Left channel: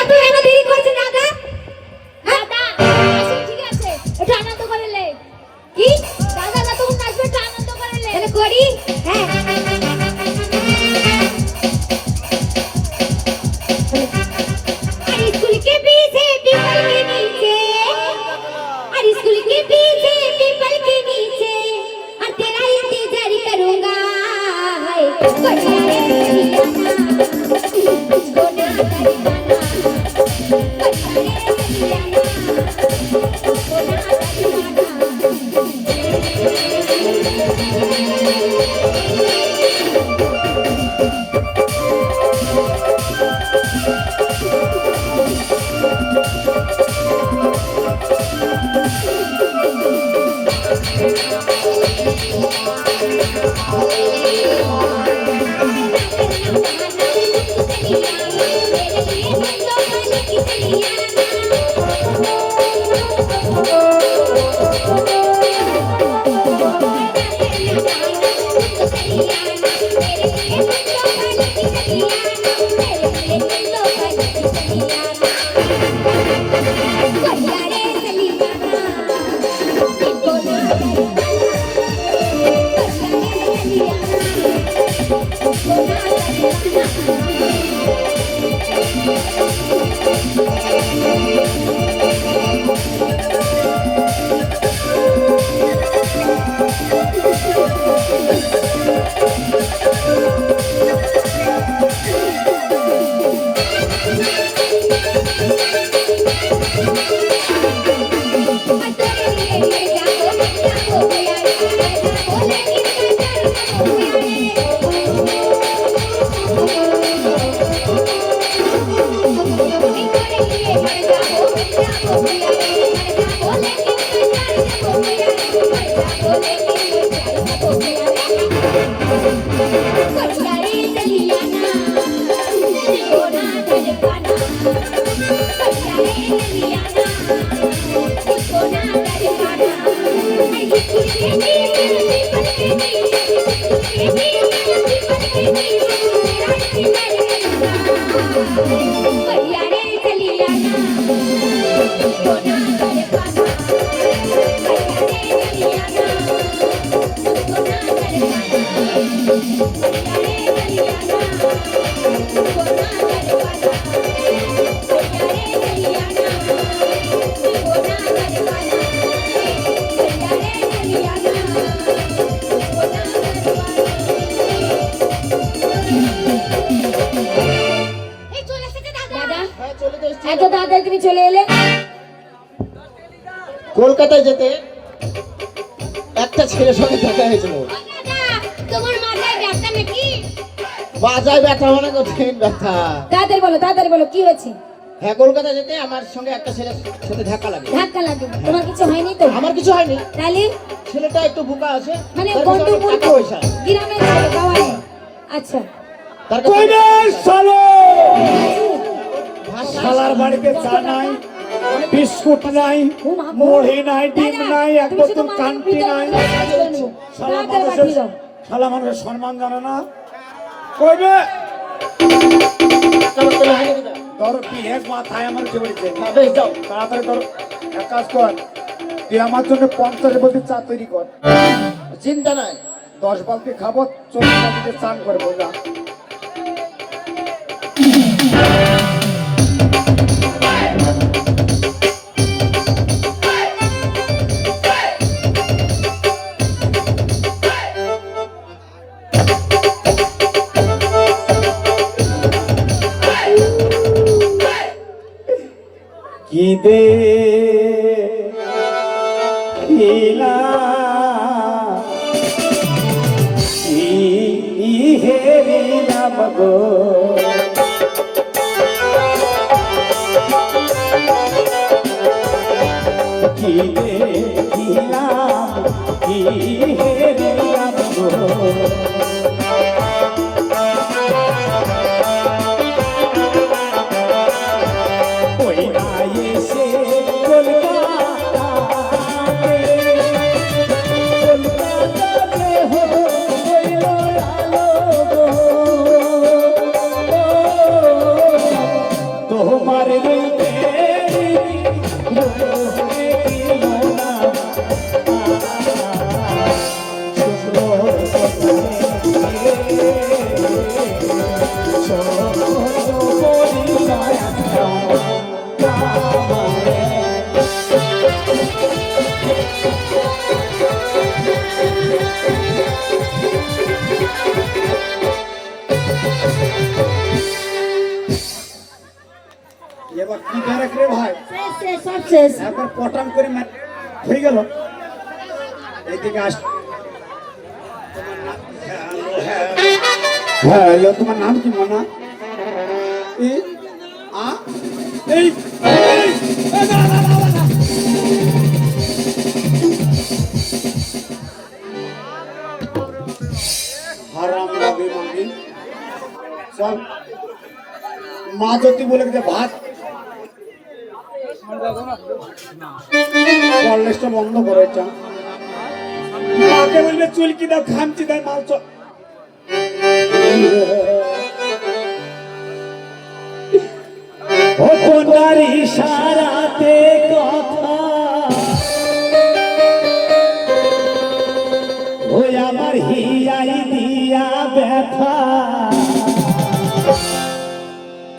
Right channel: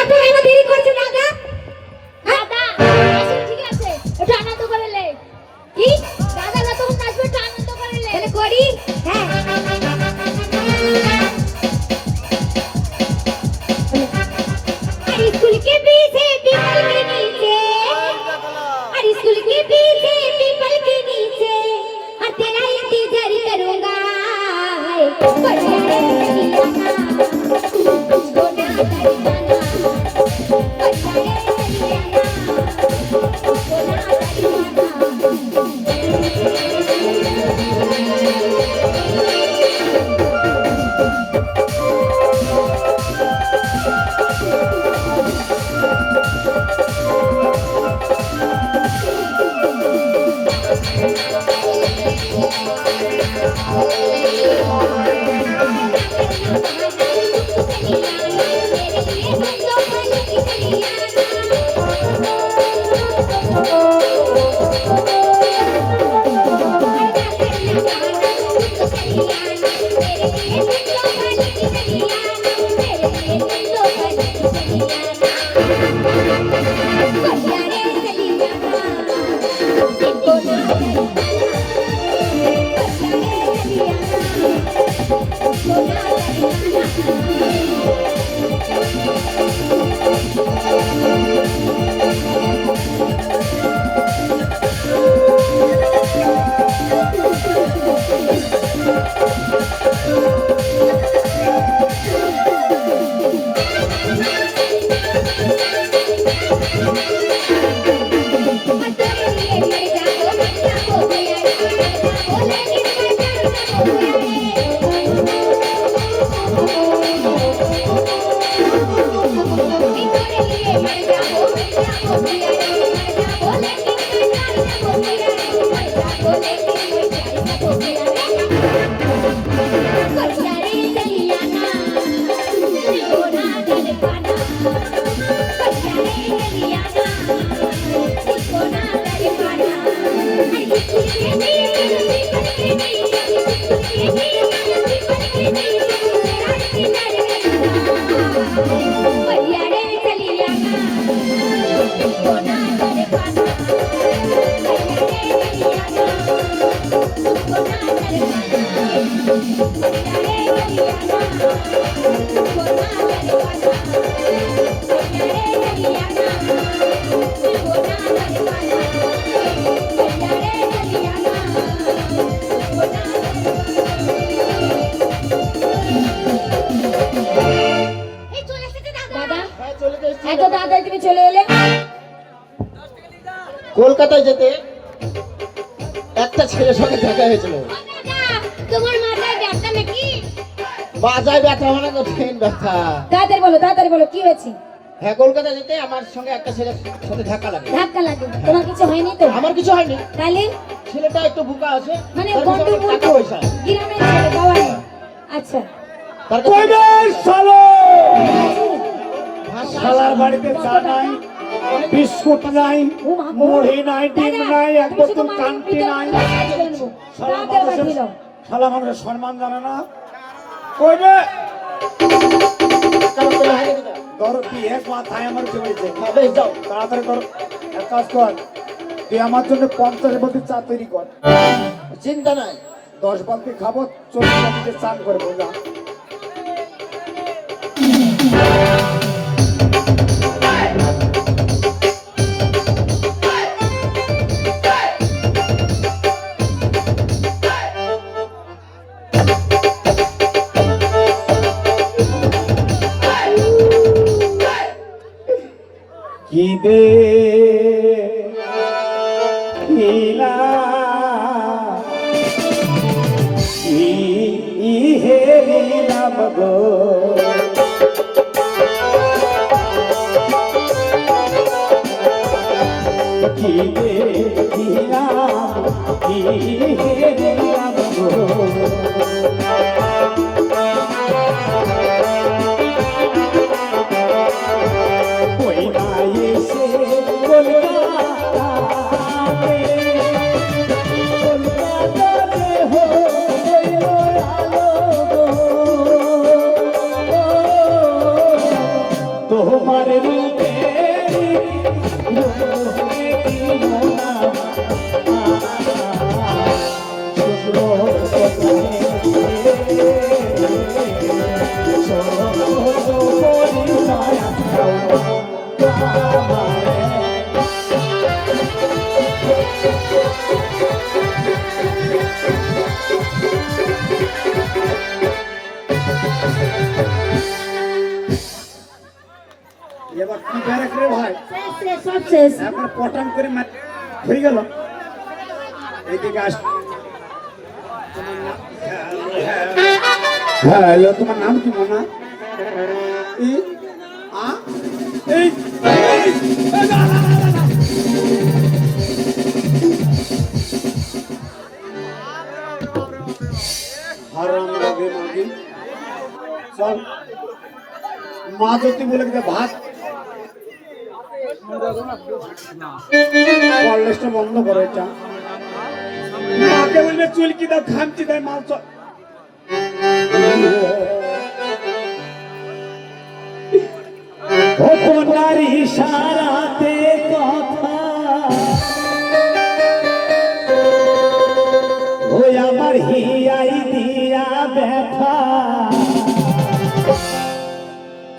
এত কেন দেরি করছে দাদা? দাদা আসুন, ঠিক আছে, একটু আনন্দ করে লে। কি দাদা না তুমি নাচবে, একটু আনন্দ করে লে। তাহলে করি। হ্যাঁ स्कूल के पीछे पीपल के नीचे, और स्कूल के पीछे पीपल के नीचे, और तेरा इंतजार करूंगा। बढ़िया रे दीवाना, तुझको ना दीवाना, बढ़िया रे दीवाना, तुझको ना কলকাতায় যেতে একটা ছেলের সঙ্গে দেখা হয়েছিল। তোমার মাথায় ব্যথা নাকি? বাজায় ব্যথা মানে কঠিন ব্যথা। তাড়াতাড়ি বলো কি হয়েছে? হ্যাঁ, কলকাতা যেতে আমার সঙ্গে একটা ছেলের সাথে ধাক্কা লাগে। তোমার কিছু হয়নি তো? আমার কিছু হয়নি। তাহলে ছেলেটা একটু বোকা আছে, মানে গন্ডগোল টাকা পয়সা গ্রামের ছেলে গাওয়াই। আচ্ছা তার শালার বাড়িতে চা নাই, বিস্কুট নাই, মুড়ি নাই, ডিম নাই, এক বোতল কান্তি নাই। শালা মানুষের সম্মান জানে না। কইবে ধরো কি এক মাথায় আমার কি হয়েছে? যাও তাড়াতাড়ি ধরো, এক কাজ কর, তুই আমার জন্য 50 বালতি চা তৈরি কর। চিন্তা নাই, 10 বালতি খাবো, 40 বালতিতে চান করবো। যা কি দে ইলা হে লীলা মগো কি দে ইলা হে লীলা মগো এবার কি ব্যারাক রে ভাই, শেষ শেষ সব শেষ। একবার পটাম করে হয়ে গেল। এইদিকে আস। হ্যালো, তোমার নাম কি মনা? এই আ এই না, না, না, না, না। হারাম যাবে মাগি। চল মা যদি বলে দে ভাত কলেজটা বন্ধ করে এটা। মাকে বলবে চুলকি দাও, খামচি দাও, মাল চল। আপনার ইশারাতে কথা ওই আমার হিয়াই দিয়া ব্যথা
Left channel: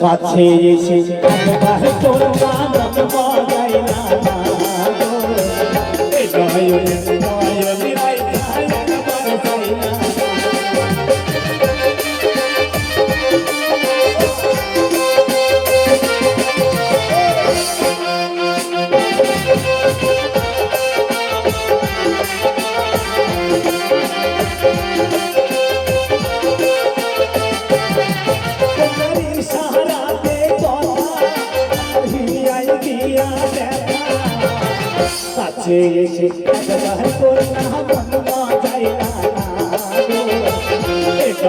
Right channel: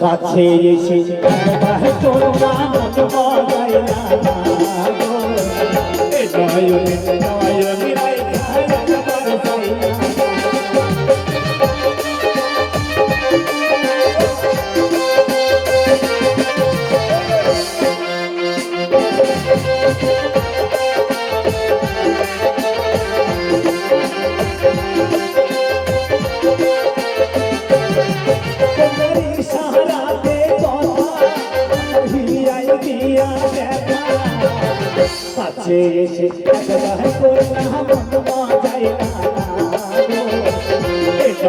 কাছে এসে তোর নাম বজায় না কাছে এসে তোর নাম বজায় না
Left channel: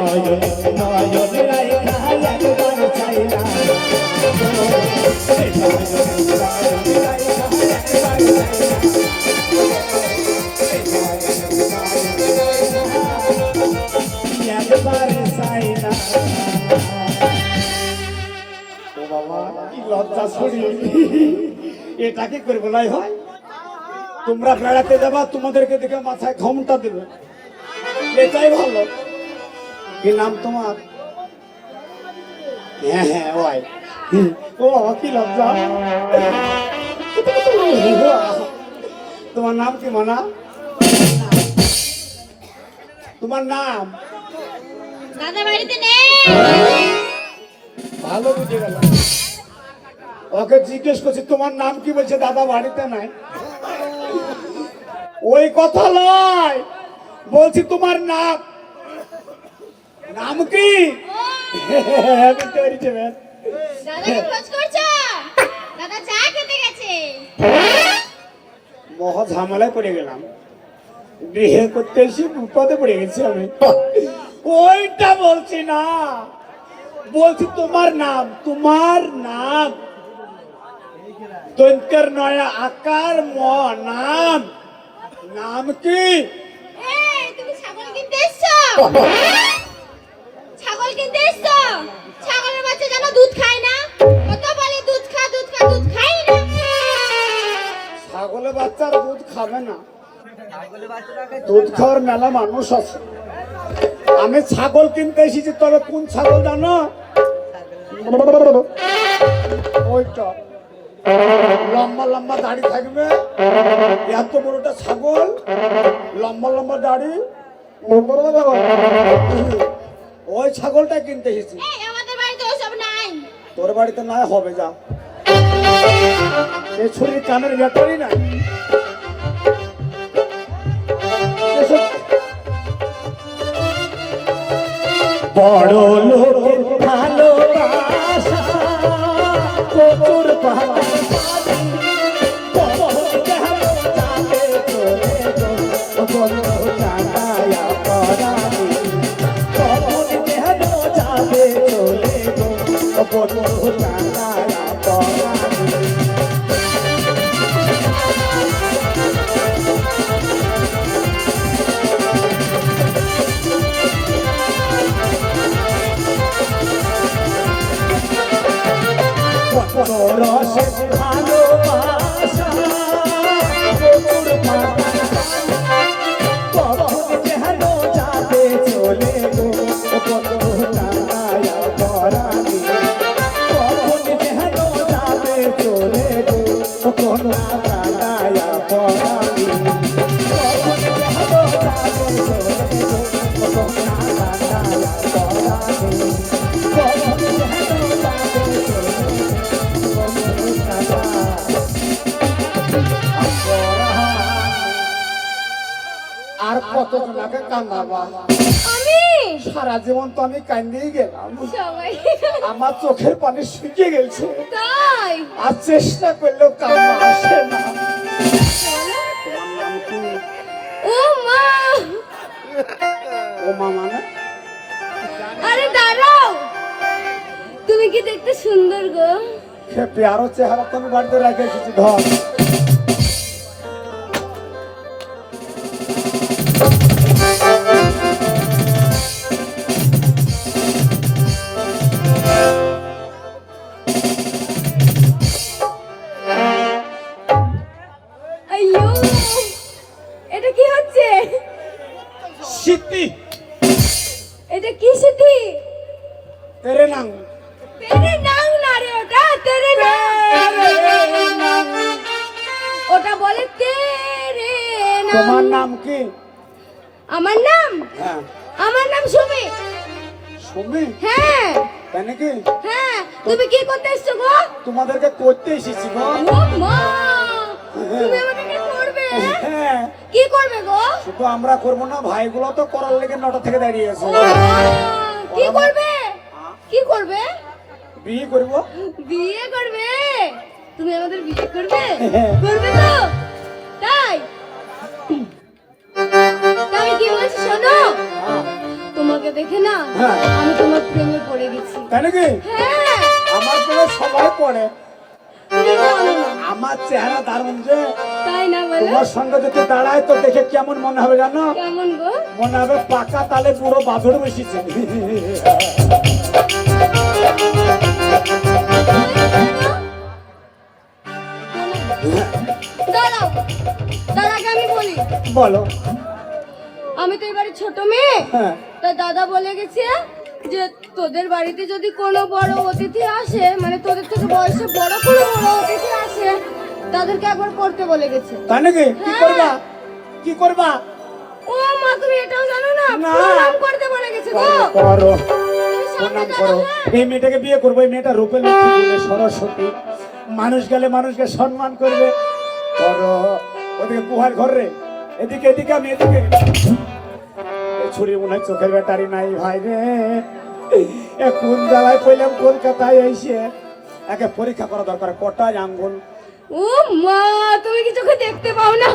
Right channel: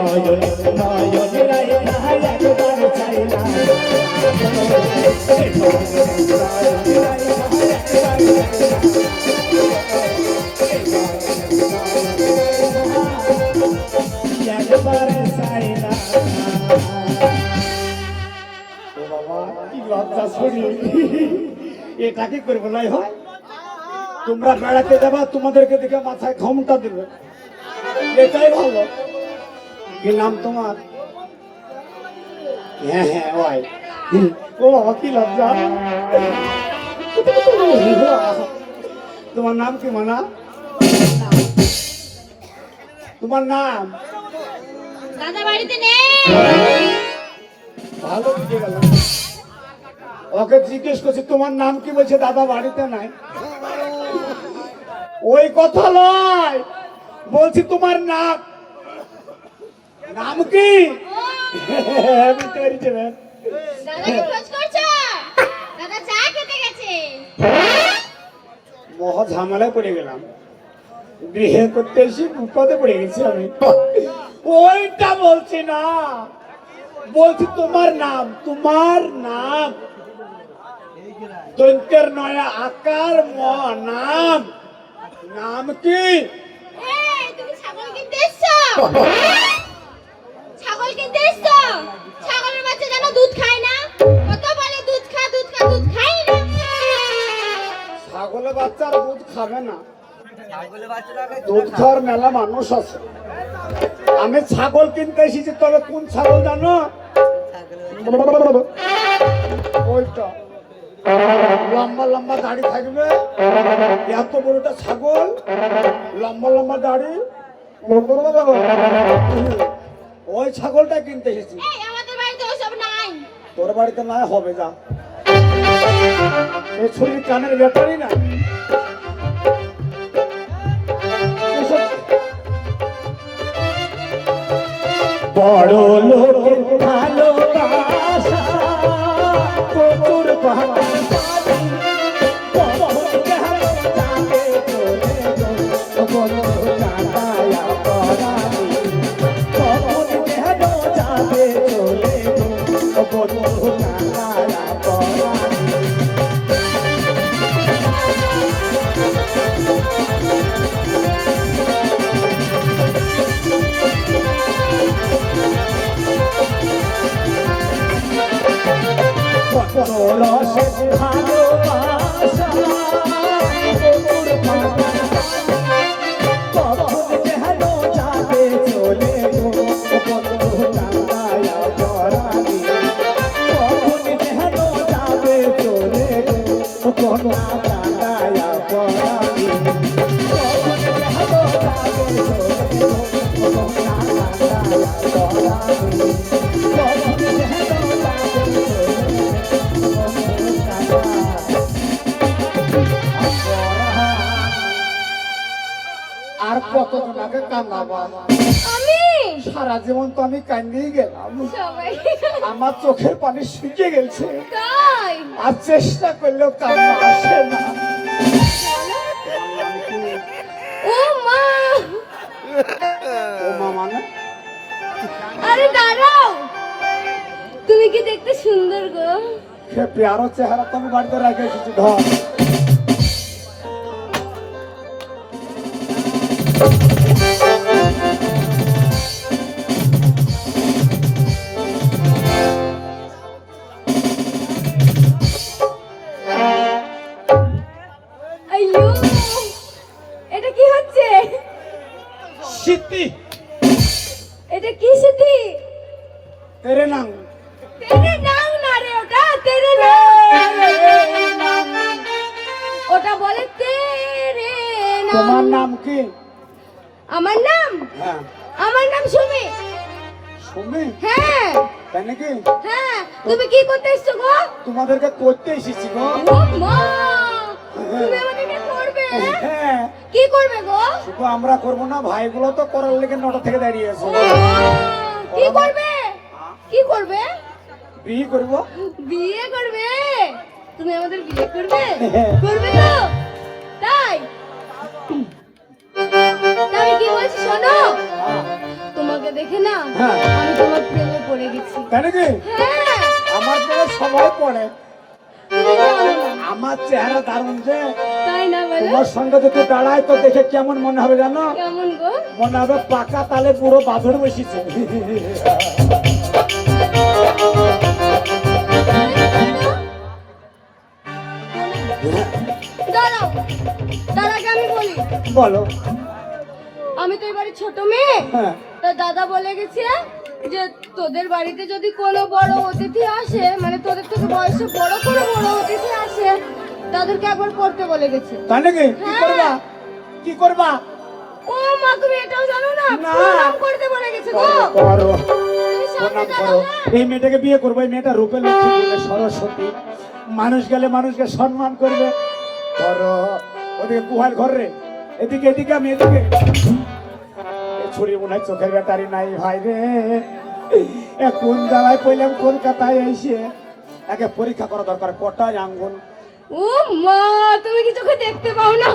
নয়ন নয়ন রাই একবার চাই না একবার চাই না। ও বাবা কি লজ্জা ছড়ি, এটা কি করে বলাই হয়? তোমরা বেড়াতে যাবা, তোমাদেরকে দেখে মাথায় ক্ষমতা দেবে, এটাই ভালো। কি নাম তোমার? হ্যাঁ হ্যাঁ ভাই। ও বাবা কি লজ্জা। তোমার নাম কি মানা? তোমার নাম? দাদা বাড়িতে নেই। ভালো বুঝে গেল। ওকে জিজ্ঞেস করছি তোমার নাম কি, বলছে দাদা বাড়িতে নাই। ওই কথা নয়, বলছি তোমার নাম, নাম কি? বুঝতে পেরেছি ম্যাম। দাদাকে খোঁজ করছো? দাদা চা খেতে গেছে। মহা ঝামেলায় পড়ে গেলাম, বিয়ে করতে এসে বিপদে পড়ে গেছি আমি। ওইটা বলছি না, বলছি তোমার নাম। তোমার নাম দন্তের নয়া আকার ম নাম, নাম কি? এই তুমি ছাগল কিনতে এসছো? ছাগল কিনতে এসছো? ছাগলের বাচ্চা যেন দুধ খায় না, কত বলে দুধ খা দুধ খা, দুধ খাই না। ছাগলের বাচ্চারা দুধ খাবে না, দুধ খাওয়ার মেলা মানুষ আছে। আমি ছাগল কিনতে এসেছি, তবে কোন ছাগল জানো? ওইটা লম্বা লম্বা দাড়ি থাকবে, এত বড়টা ছাগল, লম্বা লম্বা দাড়ি, ওই ছাগলটা কিনতে এসেছি। এই আমাদের বাড়িতে ওসব নাই। তোর বাড়িতে না হবে, যা। এই ছুরি কানের ব্যাপারই না। বড় লোকের ভালোবাসা প্রচুর দুজনাকে কান্দাবা আমি সারা জীবন তো আমি কান্দিয়ে গেলাম সবাই আমার চোখের পানি শুকিয়ে গেছে তাই আর চেষ্টা করলেও কান্না আসে না ও মা ও মা মানে আরে দাঁড়াও তুমি কি দেখতে সুন্দর গো সে প্যারো চেহারা তো আমি বাড়িতে রেখে এসেছি ধর আইয়ো এটা কি হচ্ছে সিদ্ধি এটা কি সিদ্ধি তেরে নাম তেরে নাম না রে ওটা তেরে নাম ওটা বলে তেরে তোমার নাম নাম কি আমার নাম হ্যাঁ সুমি শুনবি হ্যাঁ তাই নাকি হ্যাঁ তুমি কি করতে এসছো গো তোমাদেরকে করতে এসেছি গো ও মা তুমি আমাদেরকে করবে হ্যাঁ কি করবে গো শুধু আমরা করবো না ভাইগুলো তো করার লেগে 9টা থেকে দাঁড়িয়ে আছে ও মা, কি করবে কি করবে বিয়ে করবো বিয়ে করবে তুমি আমাদের বিয়ে করবে হ্যাঁ। করবে তো তাই তাই কি বলছি শোনো তোমাকে দেখে না হ্যাঁ। আমি তোমার প্রেমে পড়ে গেছি তাই নাকি হ্যাঁ আমার তো সময় পড়ে তুমি জানো না আমার চেহারা দারুণ যে তাই না বলো তোমার সঙ্গে যদি দাঁড়ায় তো দেখে কেমন মনে হবে জানো কেমন গো মনে হবে পাকা তালে পুরো বাঁধর বসেছে দাঁড়াও তার আগে আমি বলি বলো আমি তো এবারে ছোট মেয়ে হ্যাঁ তা দাদা বলে গেছে যে তোদের বাড়িতে যদি কোনো বড় অতিথি আসে মানে তোদের থেকে বয়সে বড় কোনো বড় অতিথি আসে তাদেরকে একবার করতে বলে গেছে তাই নাকি কি করবা কি করবা ও মা তুমি এটাও জানো না না। প্রণাম করতে বলে গেছে গো করো তুমি সামনে প্রণাম দাঁড়াও করো হ্যাঁ? এই মেয়েটাকে বিয়ে করবো এই মেয়েটা রূপে লক্ষ্মী বলে সরস্বতী মানুষ গেলে মানুষকে সম্মান করবে করো ওদিকে কুহার ঘর রে এদিকে এদিকে আমি এদিকে এই ছুরি মনে হয় চোখের ব্যাটারি নাই ভাই রে এ কোন জ্বালায় পইলাম কলকাতায় এসে একে পরীক্ষা করা দরকার কটায় আঙ্গুল ও মা তুমি কি চোখে দেখতে পাও না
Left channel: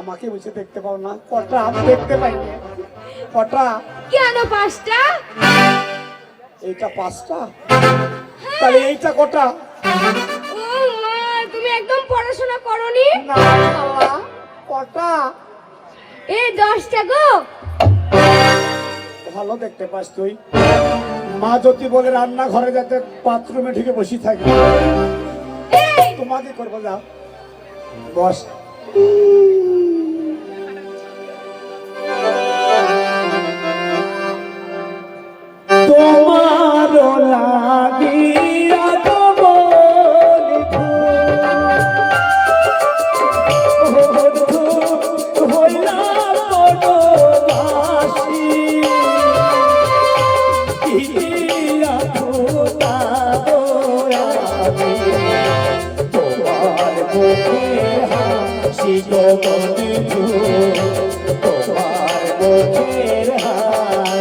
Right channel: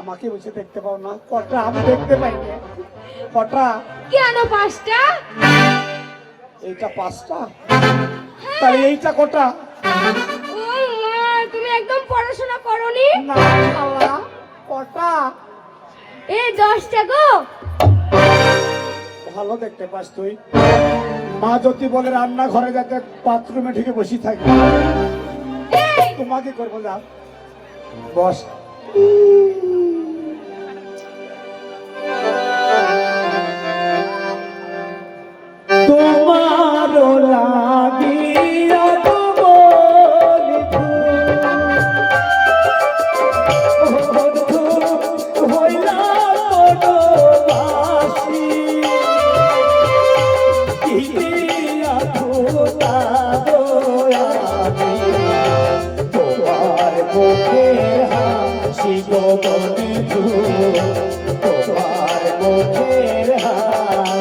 আমাকে বসে দেখতে পাও না কটা আমি দেখতে পাই না কটা কেন পাঁচটা এইটা 5টা তাহলে এইটা কটা ও মা তুমি একদম পড়াশোনা করনি না বাবা, কটা এই 10টা গো ভালো দেখতে পাস তুই মা যদি বলে রান্না ঘরে যাতে বাথরুমে ঢুকে বসে থাকি এই তোমাকে করবো না বস তোমার লাগিয়া তোমার মুখে হাসি গো বন্ধু তোমার মুখের হাসি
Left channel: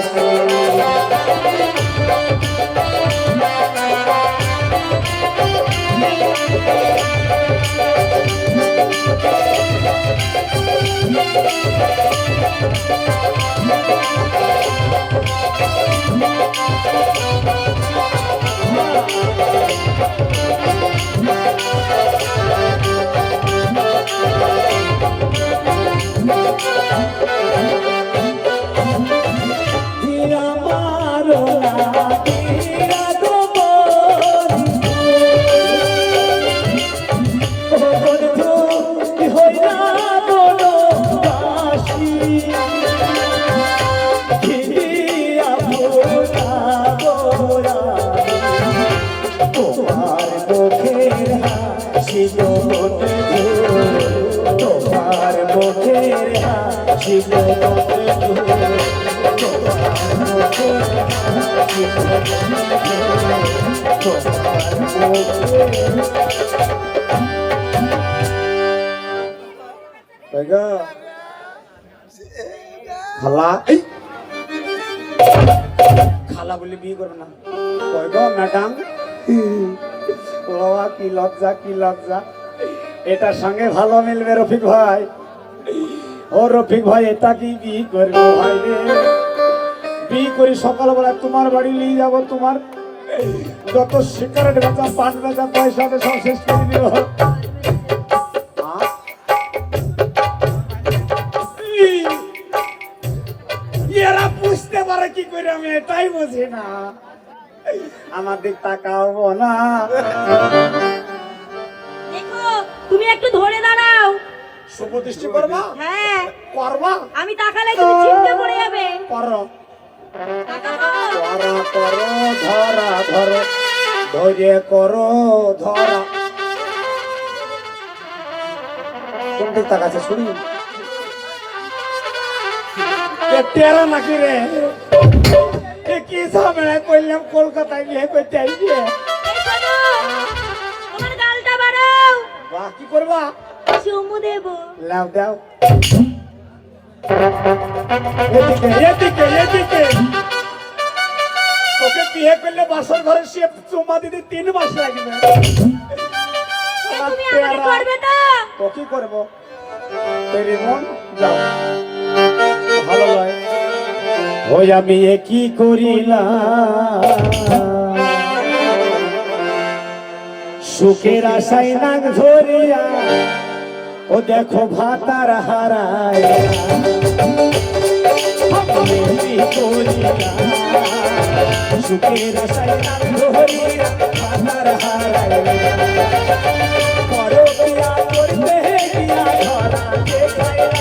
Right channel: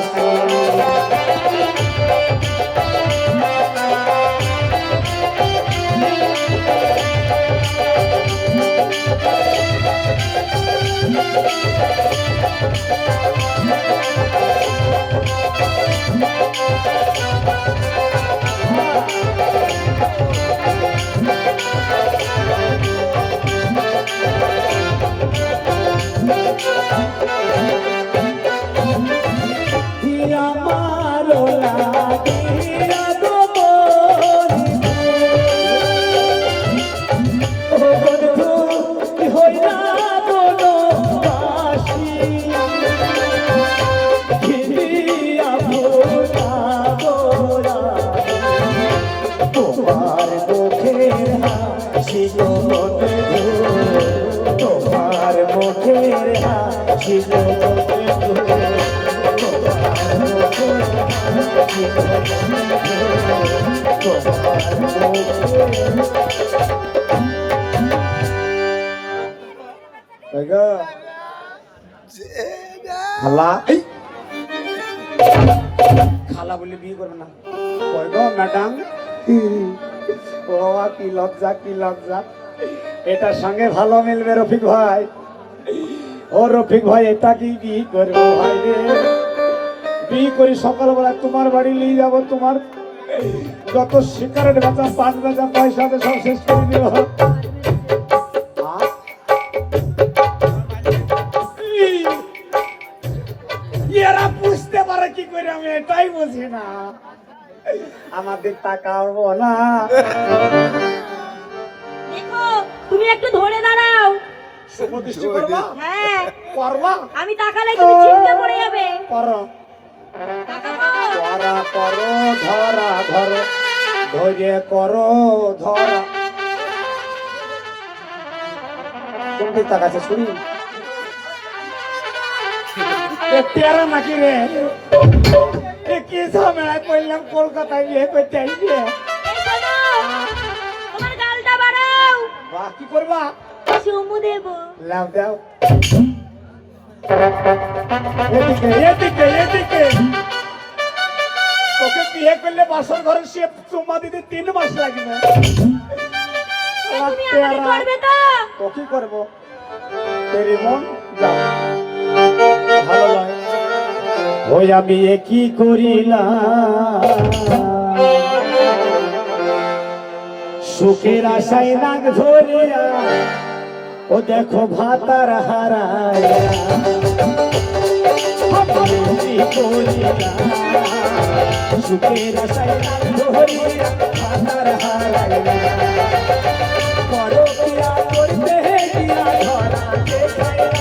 তোমার মুখের হাসি তোমার মুখের হাসি খালা এই খালা বলে বিয়ে করবে না কই গো ম্যাডাম ও বাবা কি লজ্জা কি লজ্জা এটার সঙ্গে ভালো মিলবে রফিক ভাই ও রফিক ভাই এটা কি বিয়ে করবো ভাই রে বিয়ে করি সকালবেলা তোমার বাড়ি নিয়ে যাবো তোমার যত সিগারেট বেচা পান বেচা পয়সা আছে সব শেষ করে দিব এরা বুঝতে পারে কি করে আমি এটাই বুঝি না আমাদের তাকাবো না দেখো তুমি একটু ধরে দাঁড়াও শুভদৃষ্টি করবা হ্যাঁ করবা আমি তাকালে তুমি চিন্তা পড়ে যাবে করো তাকাবো ধরা করো ধরা ধরো ধরে করো ধরা কোনটি তাকাচ্ছে শুনি তেরা নাকি রে এ কি ঝামেলা করলাম কলকাতায় বিয়ে করতে আইছে এই শোনো, তোমার গালটা বাড়াও বাহ কি করবা চুমু দেবো লাভ দাও এদিকে এদিকে এদিকে তোকে বিয়ে করলে বাসর ঘরে সে চুমা দিতে 3 মাস লাগবে তুমি আমাকে করবে তো তো কি করবো তেরি মন যাও ভালো লাগে ওই আমি এ কি করিলাম সুখের আশায় নাক ধরিয়া ও দেখো ভাতার হারায় সুখের আশায় নাক ধরিয়া ভাতার হারায় করো কিয়া করবে কিয়া ধরা দেখাইলা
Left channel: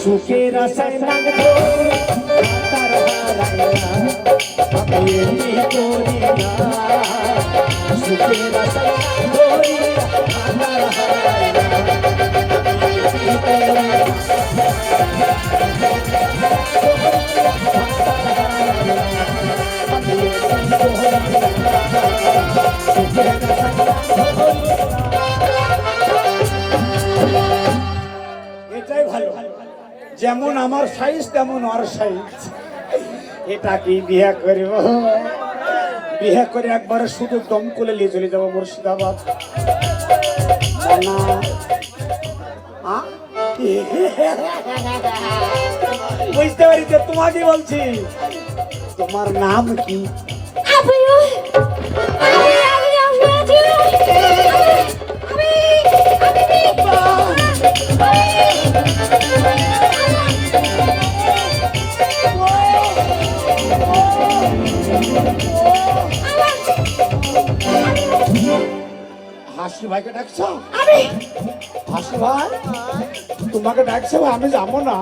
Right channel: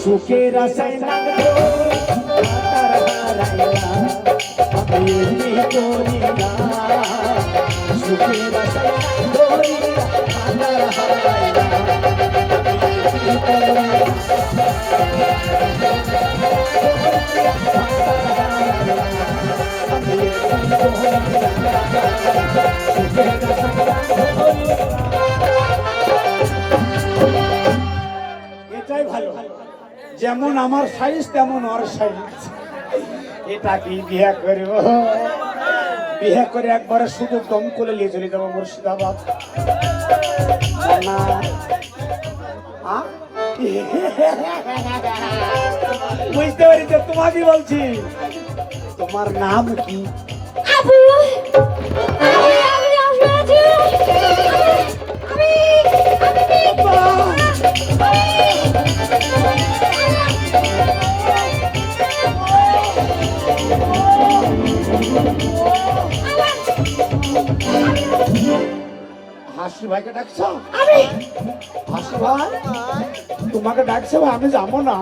সুখের আশায় নাক এটাই ভালো যেমন আমার সাইজ তেমন ওর সাইজ এটা কি বিয়ে করিব বিয়ে করে একবারে শুধু দম করে নিয়ে চলে যাবো মুর্শিদাবাদ না বুঝতে পারিতে তোমাকে বলছি তোমার নাম কি আপু হাসি ভাইকে ডাকছো হাসি ভাই তোমাকে ডাকছে ভাই আমি যাবো না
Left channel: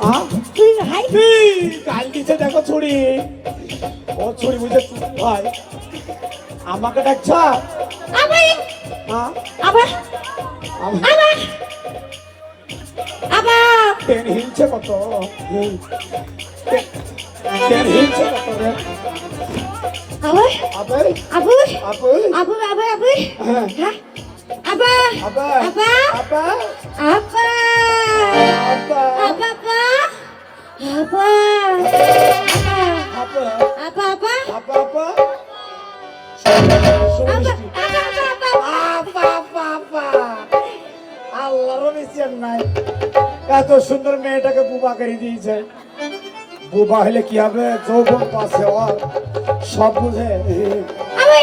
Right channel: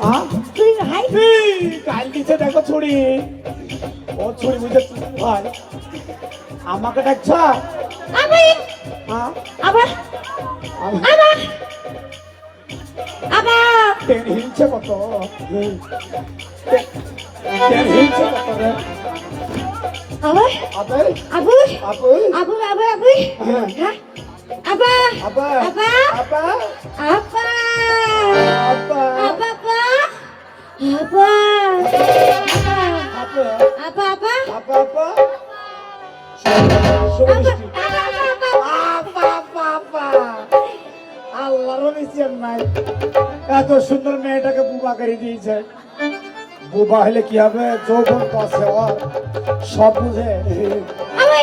হ্যাঁ? এই, কাল দিছে দেখো ছুরি ও ছুরি বুঝে ভাই আমাকে ডাকছ হ্যাঁ? তের হিলছে কত তের হিলছে কত রে আবে আবে হ্যাঁ আবা আবা আবা আবা এত সুন্দর মেয়েটাকে বুবা করে দিয়েছে বুবা হলে কি হবে যৌবন কাছে সব বুঝে আবে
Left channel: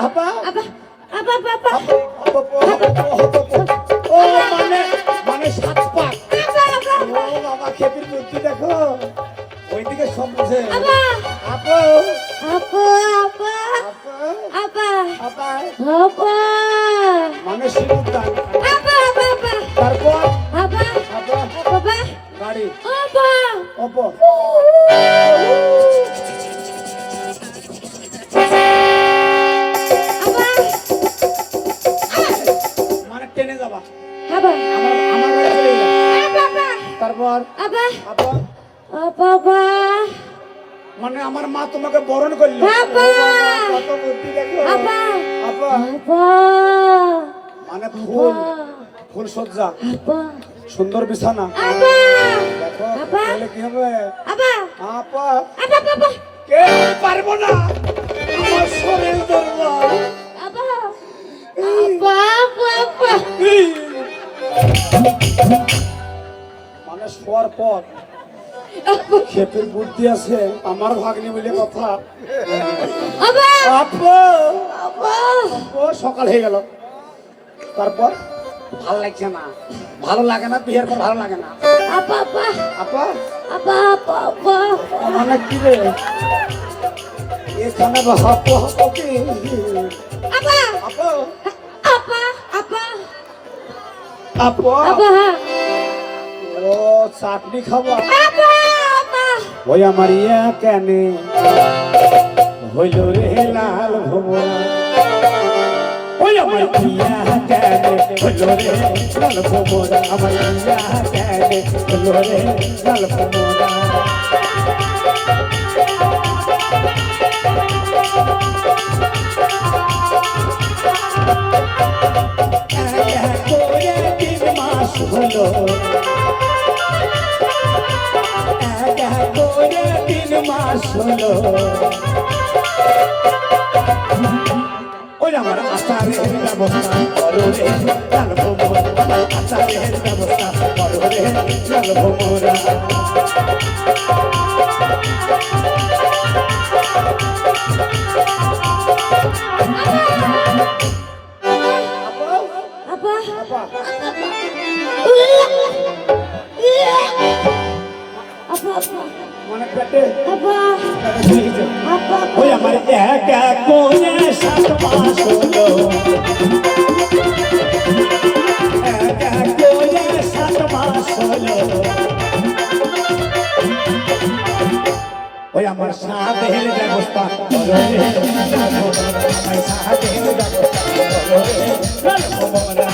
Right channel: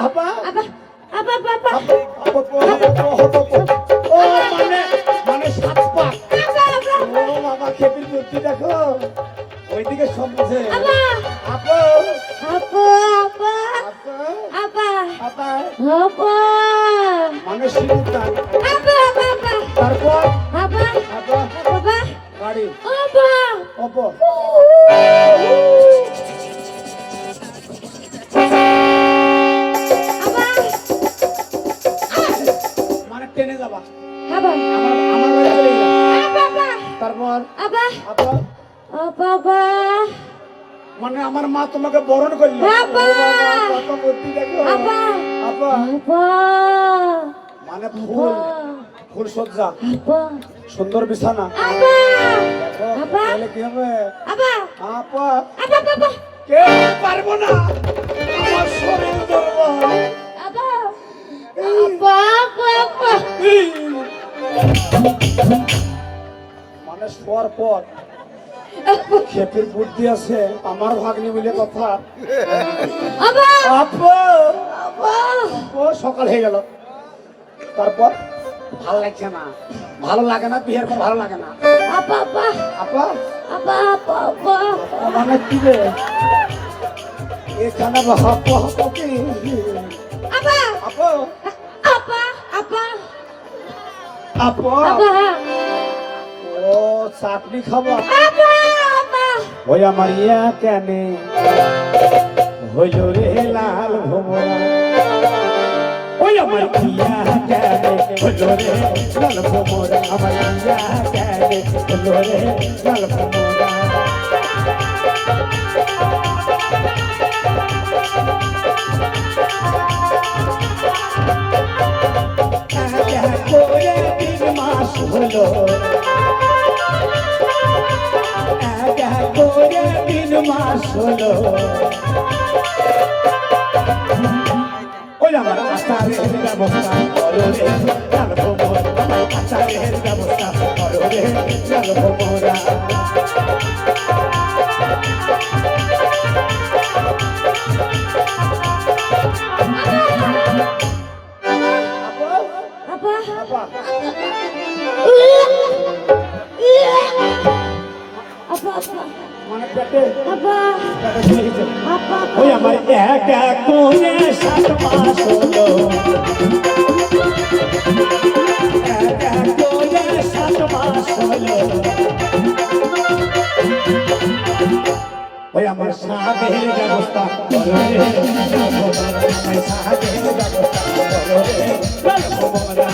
আবা মানে 7 পাক ও বাবা খেপির বুদ্ধি দেখো ওইদিকে সব বুঝে আপা মানে শিরুদ্দান তারপর গাড়ি অপর মানে টেনে যাবা আমার বাড়ি চলে যাবা তারপর মানে আমার মা তোমাকে বরণ করলো কত বুদ্ধি দেখো আপা আপা মানে ফুল ফুল সজ্জা আপা সুন্দর বিছানা আপা দেখো আপা। তাহলে কি হবে আপা আপা আপা আপা কে পারবো না আমার শরীর দুর্বল আপা আপা আপা মানে শোয়ার পর ক্ষেপের বুদ্ধি আছে আমার ভাগ্নি বলে কথা আপা আপা আপা ও সকাল হয়ে গেল তারপর ভালো লাগছে না ভালো লাগে না বিয়ের পর ভালো লাগে না আপা আপা আপা আপা আপা আপা মানে কি রে এখানে আপা আপা কি আপা আপা আপা আপা আপা আপা ও চাটনি খাবো আপা আপা ওই আমার ইয়া কেনে হইল রে লাল ভোমরা ওই আমার ইয়া কেনে হইল রে লাল ভোমরা আমার ইয়া কেনে হইল রে লাল ভোমরা মাস হলো তিন মাস হলো ওই আমার আচারের ব্যবস্থা করো রে জানবো মোরা আমার আচারের ব্যবস্থা করো রে জানবো মোরা আপা আপা মানে পেটে আপা আপা ওই আমার একা কোনে 7 মাস হলো একা কোনে 7 মাস হলো ওই আমার সাধের ব্যবস্থা করো রে জানবো মোরা সাধের ব্যবস্থা করো রে জানবো মোরা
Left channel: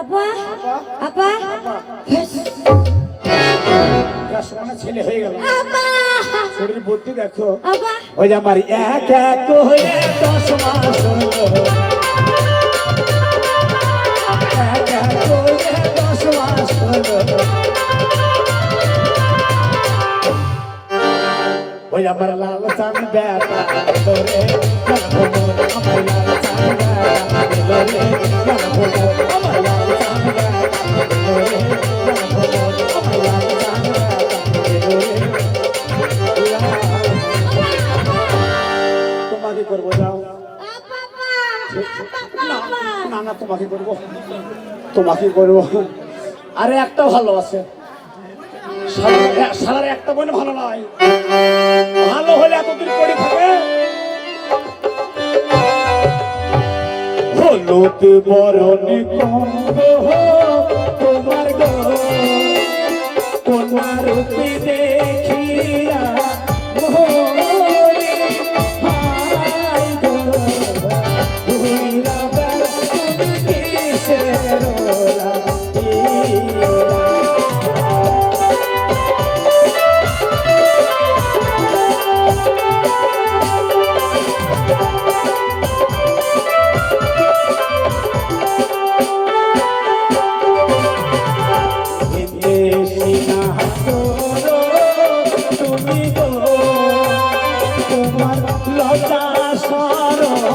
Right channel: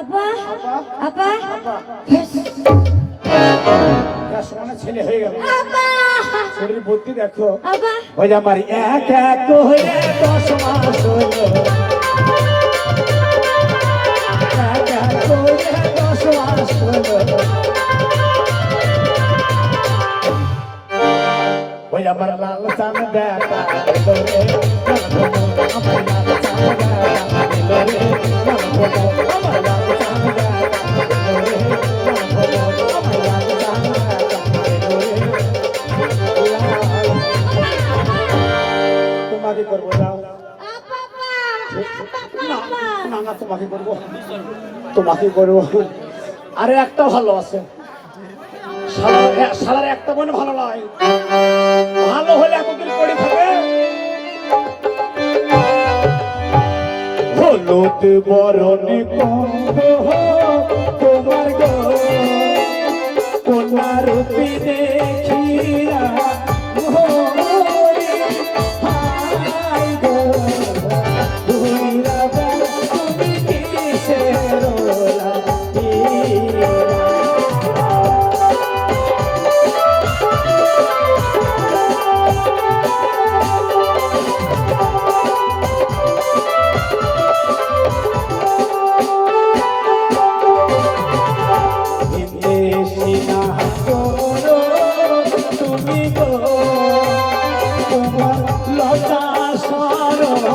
আপা আপা সমানে ছেলে হয়ে গেল আপা শরীর ভর্তি দেখো আপা ওই আমার এক এক হয়ে 10 মাস হলো এক এক হয়ে 10 মাস হলো ওই আমার লাল চান বেটা তোরে জানবো মোরা আমার লাল চান বেটা তোরে জানবো মোরা আমার লাল চান বেটা তোরে জানবো মোরা আমার লাল চান বেটা তোমাকে করবো যাও না না তোমাকে করবো তোমাকে করবো আরে একটা ভালো আছে সালার একটা মনে ভালো নয় ভালো হলে এতদিন পড়ে থাকে হলুদ বরণে তোমার গো তোমার রূপে দেখিয়া মোরে হাই গো ভুলা কিসের লাগিয়া তোমার লতা সরো না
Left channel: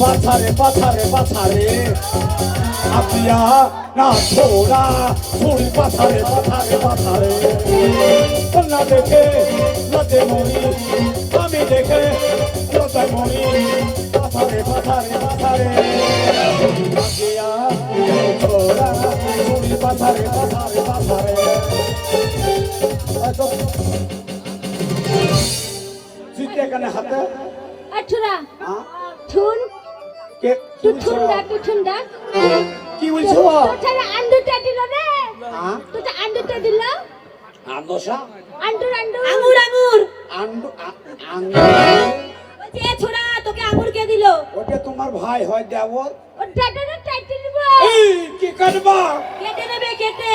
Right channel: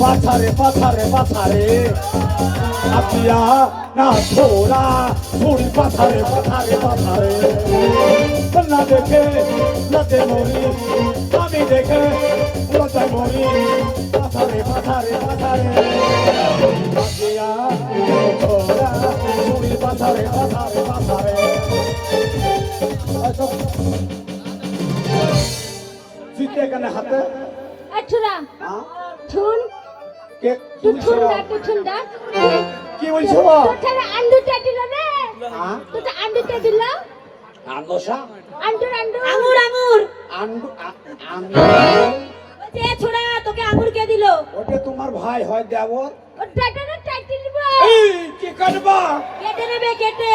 পাথারে পাথারে পাথারে আপিয়া না ছোড়া ছুরি পাথারে পাথারে পাথারে না দেখে লতে মরি আমি দেখে লতে মরি পাথারে পাথারে মাথারে জুতে এখানে হাতে আঠুরা হ্যাঁ? ঠুন কে কি টুঠুন বলছো? ডাক টুঠুন ডাক কি বলছো তোরা আন্ডুটা দিল রে হ্যাঁ? তোরা আন্ডুটা দিল আন্দোসা আন্ডুর আন্ডুর আঙুর আঙুর আন্ডু যে ছোড়া তোকে আঙুর কে দিল? ওটা তোমার ভাই হয় দেবর ও ডাটাটা টাইটেল নিব এই কি কাটবা কেটে নেবে কেটে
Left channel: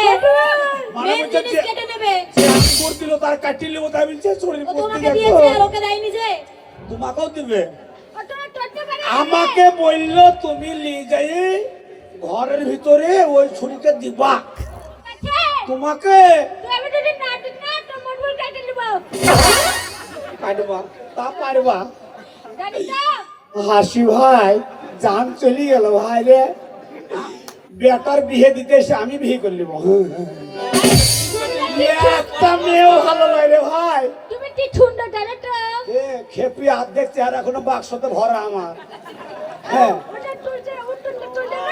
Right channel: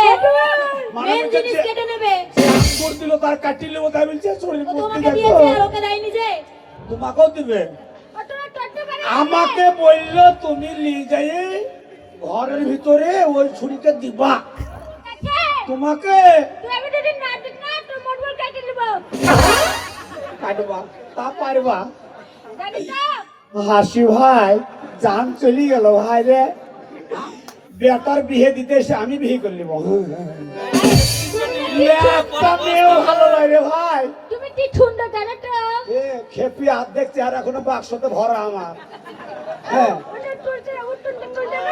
মানে মেন বলছে জিনিস যে- কেটে নেবে। আঙ্গুর দিল তার কাটিলে ও তাই বলছে শরীর ও পড়তে তোমাকে দিয়েছে আর দেখো ওকে দেয়নি যে। তোমাকেও দিবে ওটা করতে পারে আমাকে বললো তুমি নিয়ে যাই ঘরের ভিতরে ওই ছুরিতে দিবা তোমাকে তুই আমি যদি না দিস না তো মোটর টাইটেল নিব কাটবা তা পারবা জানি তো হাসি ভাই জান চলে গেল ভাই রে বেটার বিয়ে দিতে এসে আমি বিয়ে করে নিব একটা মেয়েও ভালো লাগে রে ভাই তুমি কি ঠুন্ডা জানো তো এ খেপি হাত দেখছে আর এখনো বাক্সতে ভরা আমার হ্যাঁ ওটা তুলছে উত্তরটা তুলছে না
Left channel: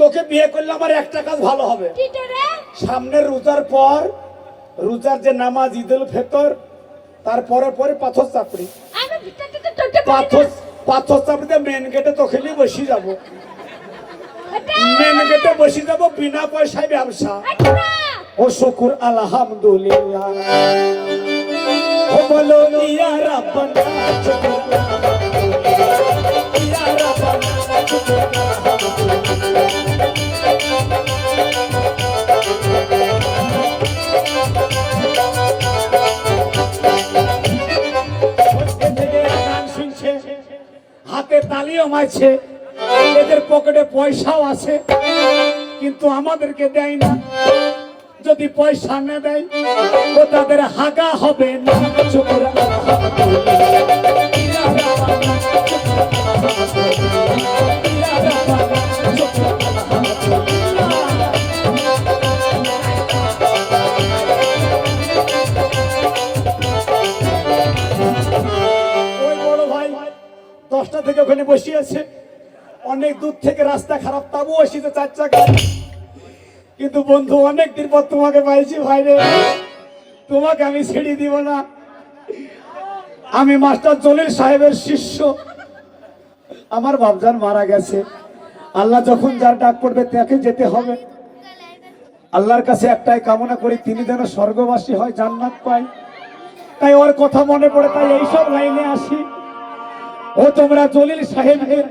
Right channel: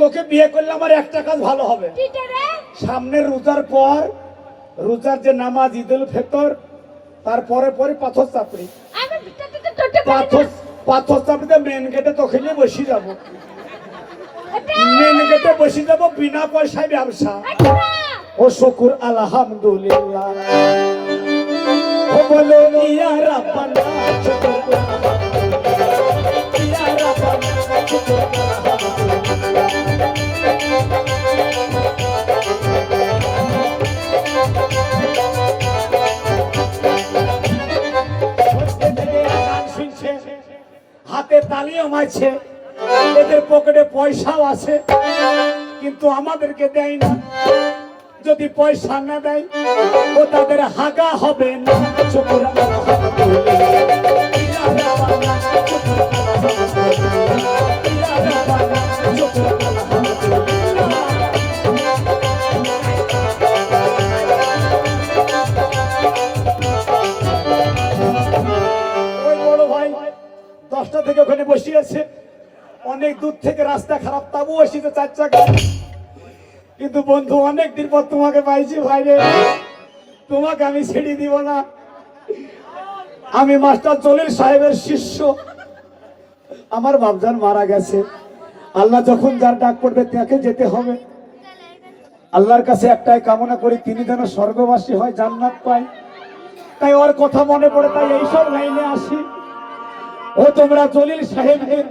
তোকে বিয়ে করলে আমার একটা কাজ ভালো হবে কিটা রে সামনের রোজার পর রোজার যে নামাজ ঈদুল ফিতর তারপরে পরে পাথর চাপড়ি আমি ভিতরটা তো তোতে পাথর পাথর চাপড়িতে মেন গেটে তোকে নিয়ে বসে যাবো ওটা মেন গেটে বসে যাবো বিনা পয়সায় ব্যবসা আঠুরা ও শুকুর আলহামদুলিল্লাহ ও বলো ইয়া রাব্বানা ইয়া গান শুনছে হাতে তালিও মারছে এদের পকেটে পয়সাও আছে কিন্তু আমাদেরকে দেয় না যদি পয়সা না দেয় ও তাদের হাগা হবে না শুকর ওই বড় ভাই 10টা থেকে ওখানে বসে আছে অনেক দূর থেকে রাস্তা খারাপ তাবু এসেছে 4 চাকা কিন্তু বন্ধু অনেক দিন পর তোমাকে পাইছি ভাই রে তোমাকে আমি ছেড়ে দিব না আমি মাস্টার জলিল সাহেবের শিষ্য আমার বাপজান মারা গেছে আল্লাহ যখন যার ডাক পড়বে তাকে যেতে হবে আল্লাহর কাছে একটাই কামনা করি তিনি যেন স্বর্গবাসী হয় জান্নাত পায় তাই ওর কথা মনে পড়ে তাই এইসব লাইনে আসি ও তোমরা জলিল সাহেবের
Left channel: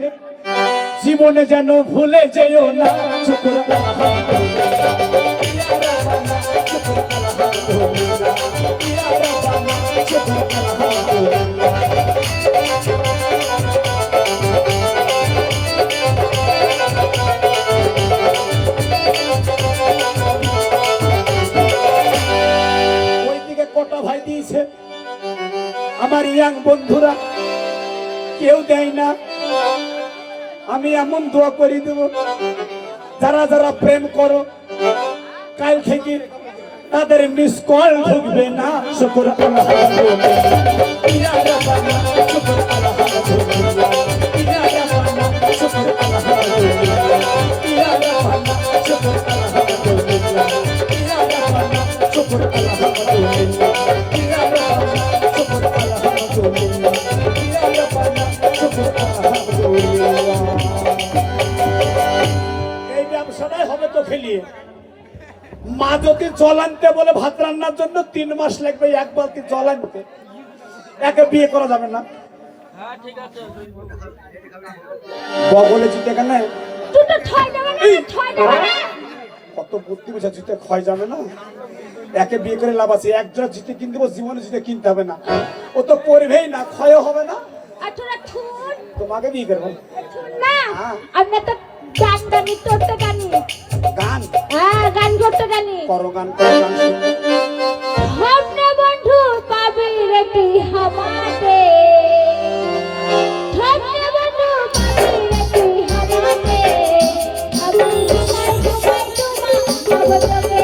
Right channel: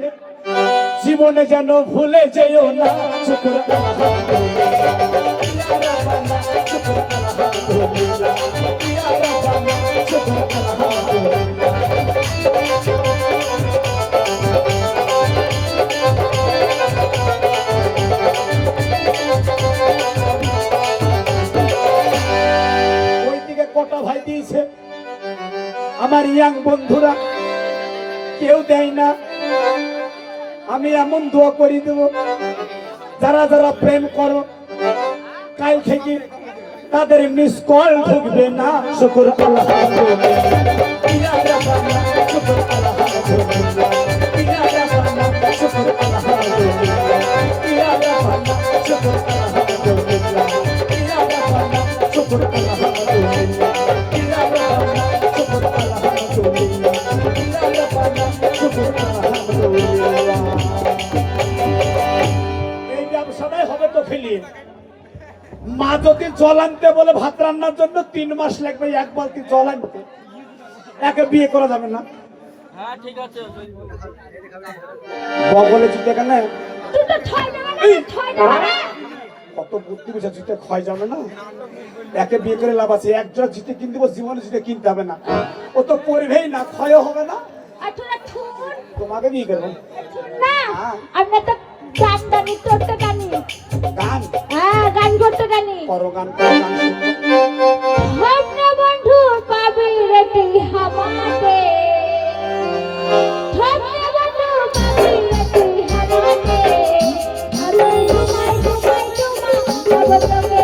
জীবনে যেন ভুলে যেও না শুকর ওইদিকে কটা ভাই দিয়েছে আমার ইয়াং বন্ধুরা কেউ দেয় না আমি এমন দোয়া করে দেব যারা যারা প্রেম করো কাল থেকে তাদের মিস কল ঢুকবে না শুকর এই ব্যবসাটাই হবে তো ফেলিয়ে মা যদি জল আনতে বলে ভাত রান্নার জন্য 3 মাস লাগবে এক বালতি জল আনতে একে বিয়ে করা যাবে না বগলে জিতে কেন তুই তো ছয় দেবে না ছয় দেবে না কত বুদ্ধি বিষয় জিতে ক্ষয় যাবে না একে বিয়ে করে লাভ আছে একজোড়া জিতে কিনতে জীবনে জিতে কিনতে হবে না ও তো পড়বেই না ক্ষয় হবে না আঠুরা ঠুন তোমাকে বিয়ে করবো ঠুন না হ্যাঁ। আমরা তো গান গানি তোরটা গানি গান হ্যাঁ গান করতে গানি করো গান করো গান শুনো। हमने बंधु पाबी रती हमारे हमने बंधु पाबी रती हमारे अबे तुम्हारे जब तबे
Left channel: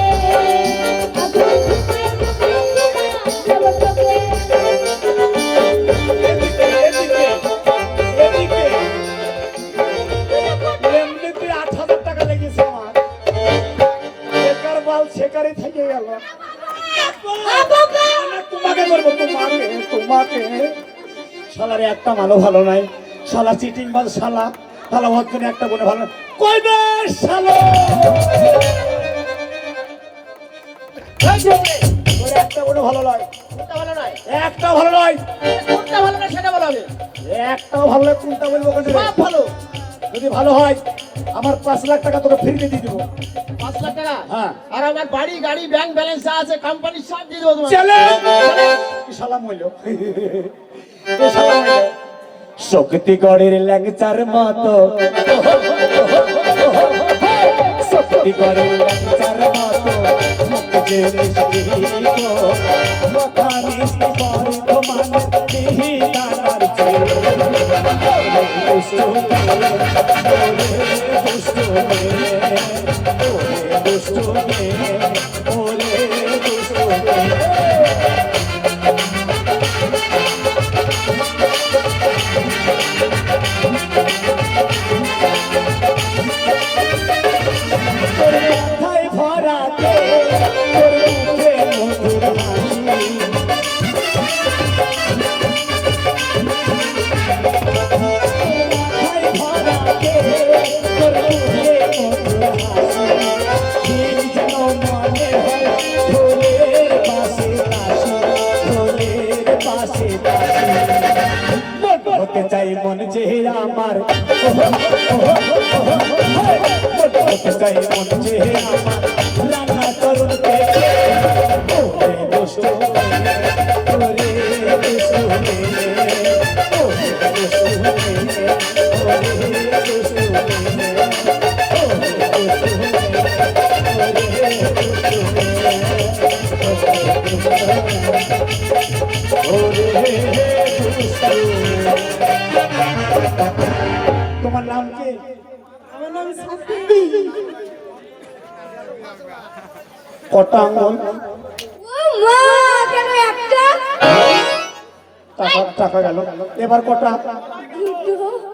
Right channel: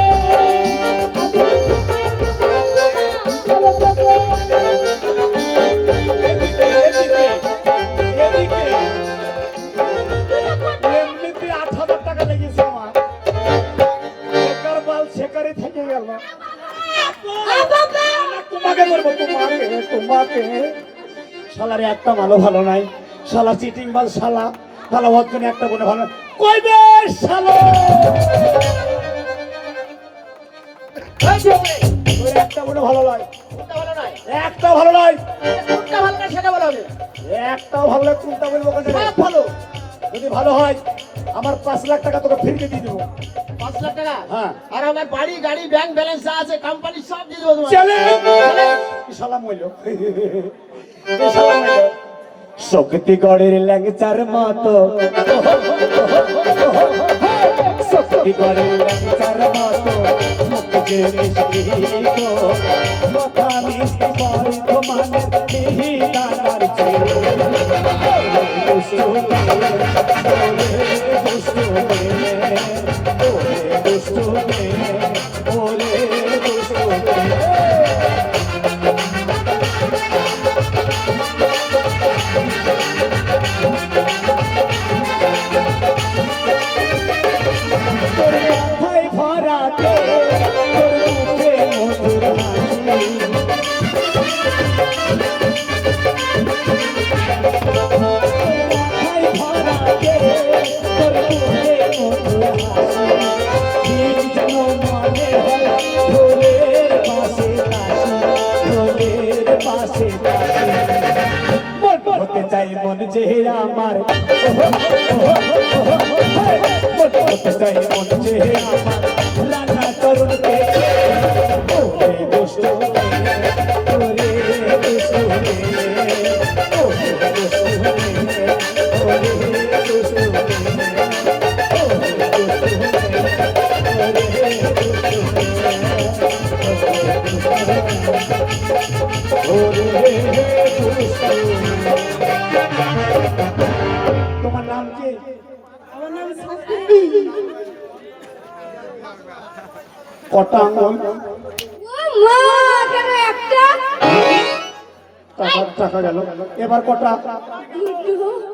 अबे तुम्हारे जब तबे এদিকে এমনিতে 8,000 টাকা লেগেছে আমার বেকার বাল ছেড়ে বেকারে থেকে গেল। বাবা তোমাকে বলবো, তোমাকে শালারে একটা ভালো ভালো নাই, শালা চিটিং বাল, শালা ভালো হচ্ছে না, একটা বলে ভালো কই বে শালা, ওর একটা বলে ভালো নয়, একটা ভালো নয়, কোনটা ভালো না সেটা বলা হবে। একটাও ভালো নয়, কোনটা বলবো কেন? সব ভালো। যদি ভালো হয় আমার 5 লাখ টাকা তোকে ফিরিয়ে দিয়ে দেবো। 5 লাখ টাকা। হ্যাঁ। আর আমার বাড়ি গাড়ি ব্যাংক ব্যালেন্স আছে, কোম্পানি সব দিয়ে দেবো তোমাকে। চলে সালাম হইল, সালাম হইল শক্তিগড়ের ল্যাংচার মতো, শক্তিগড়ের ল্যাংচার মতো মুখে মিষ্টি গো, কথা মিষ্টি করে তোমার বিহিতার চেয়ে দুষ্টু মেয়ে, দুষ্টু মেয়ে, ওরে দুষ্টু মেয়ে, ওরে দুষ্টু মেয়ে। মাথায় ভরাতে মুখে মধুর হাসি, মাথায় ভরাতে মুখে মধুর হাসি, দিন যেন মনে হয় ঢোলের পাশে কাশি, ঢোলের পাশে কাশি, হতে চাই মন যে আমার, হতে চাই মন যে আমার রাঙা তরুণ পেটে, ওরে দুষ্টু মেয়ে, ওরে দুষ্টু মেয়ে, ওরে দুষ্টু মেয়ে, ওরে দুষ্টু মেয়ে, ওরে দুষ্টু মেয়ে, তোমার নাম কি? আমার নাম কটা আঙুল? ও মা কেন একটা টাকা গেল, এবার কটা?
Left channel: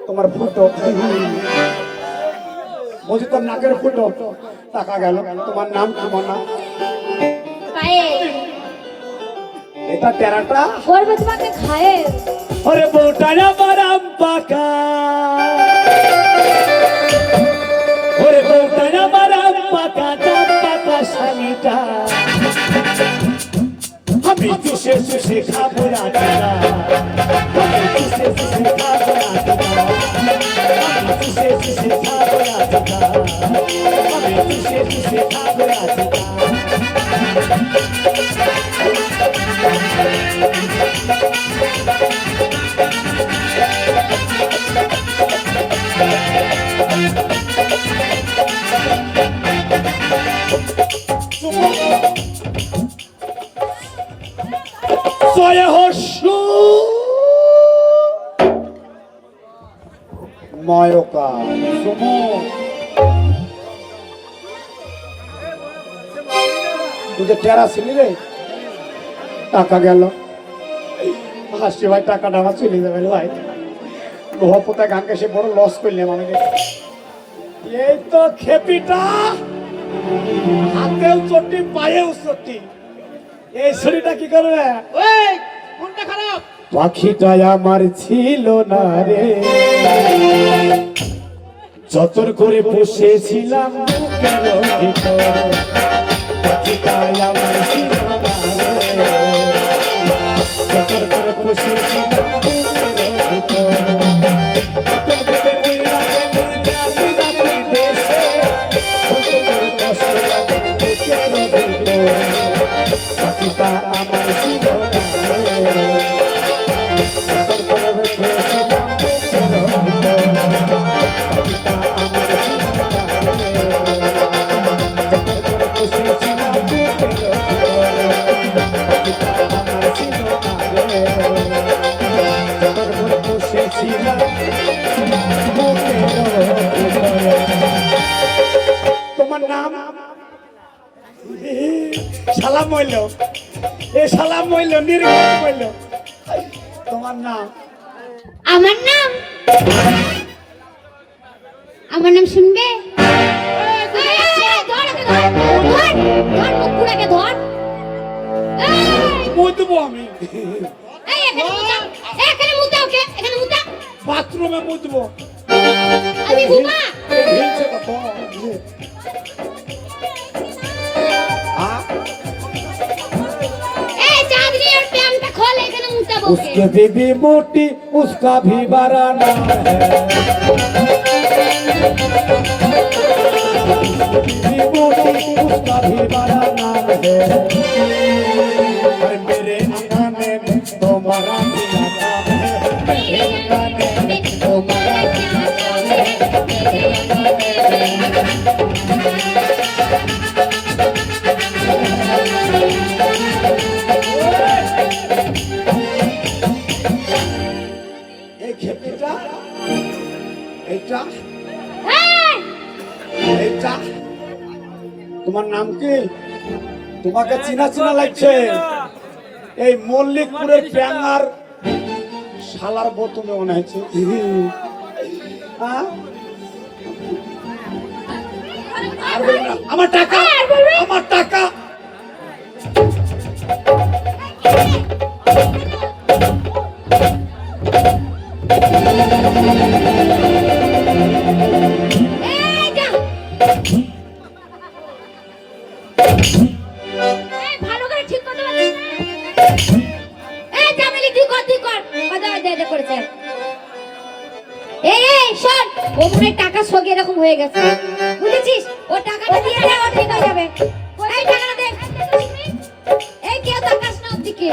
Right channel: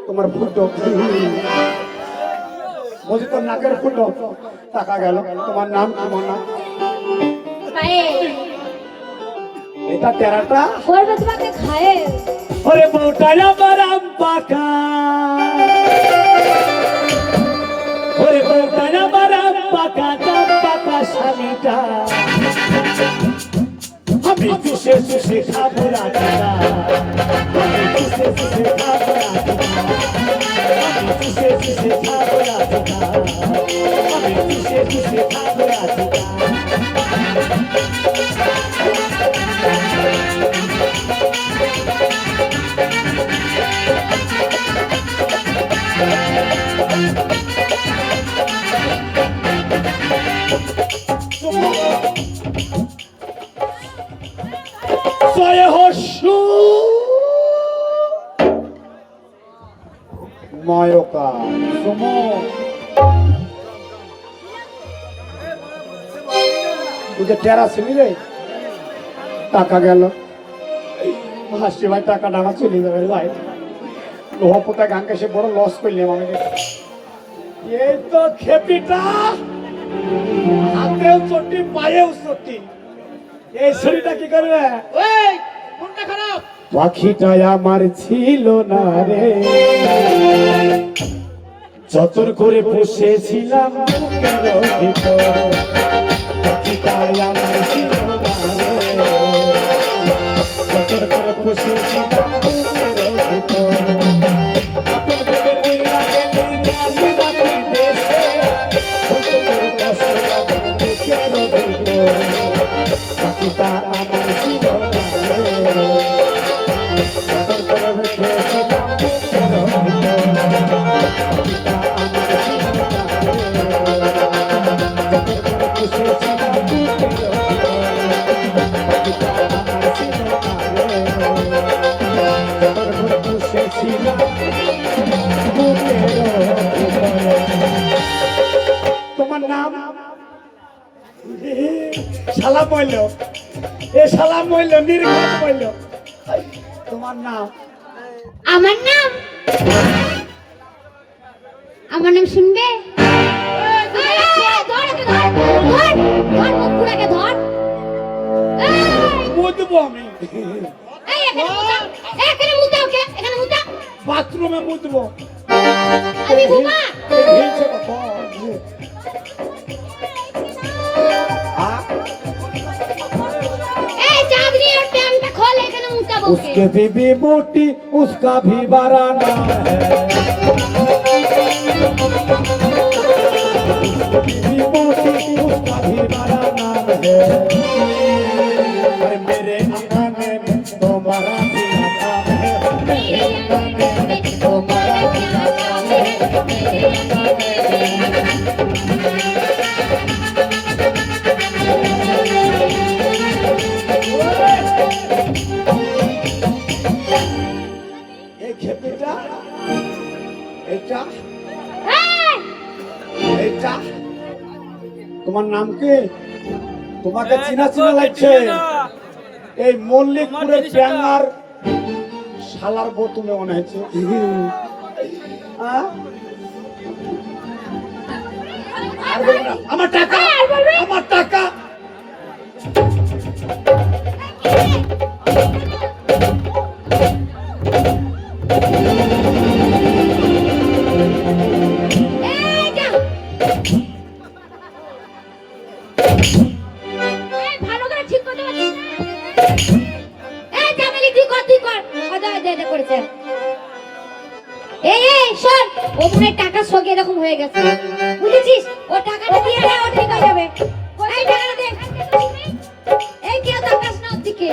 তোমার ফুটো, বুঝি তোর নাকের ফুটো, টাকা গেল। তোমার নাম কি? তোমার নাম? এটা টেরাটা। করবে তোমাকে খায় ওরে বউটা আমার আম পাকা, ওরে বউটা আমার আম পাকা, দাম পাকা শালিটা, আমি চুষে চুষে খাবো রাখিনা, আমি চুষে চুষে খাবো রাখিনা, আমি চুষে চুষে খাবো রাখিনা, আমি চুষে চুষে খাবো রাখিনা। জয় হস্যু ময়কা সুম, তুই টেরা ছিলি রে, টাকা গেল। হাসি ভাই টাকাটা আমার চলে যাবে ভাই, গোহাপোতা গানকে সে বড় লস করলাম আমি। এই তো খেপিটা, হাতেও চটি পায়েও চটি, এই শরীরটা কি করবে? ওই কোনটা খারাপ? পাখিটা আমার ছিল না রে, যতন করে বসেছিলাম বুকের ভিতর, পাখিটা আমার ছিল না রে, যতন করে বসেছিলাম বুকের ভিতর, পাখিটা আমার ছিল না রে, তোমার নাম? সালাম হইল, এ সালাম হইল, নির্গত হইল। তোমার নাম? আমার নাম, আমার নাম শুনবে? ধর ধর মুখপুরাকে ধর এই মুতবো আমি এই এখানে মুতা ওকে এখানে মুতা বাথরুমে মুতবো আমি বুমা হিলছে কত এই চাঁদনি और প্যান্টটা খোল এখানে মুতা বসে उसके बीबी मोटी उसका भी बराना है बीबी मोटी उसका भी बराना है अरे मेरे ठिकाने में तुम्हारा ठिकाना है मेरे ठिकाने में तुम्हारा ठिकाना এই খেপিটা এইটা এইটা তোমার নাম কি তোমাকে চিনা চিনা লাগছে এই মল্লিকপুরের ব্যাঙার শালার বউ তুমি মনে হচ্ছে হ্যাঁ? আর বলবে না, আমার টাকা আমার টাকা এই যা এই ভালো করে ঠিক করতে পারছিস না এই জামিলি তুই কর কথা দে করেছে এই শোন ও মনে টাকা সগে এরকম হয়ে গেছে বুঝেছিস ও টাকাটা দিয়ে দে ও ঠিক হয়ে যাবে এই টাকাটা দে এই কি এত কাজ না দিকে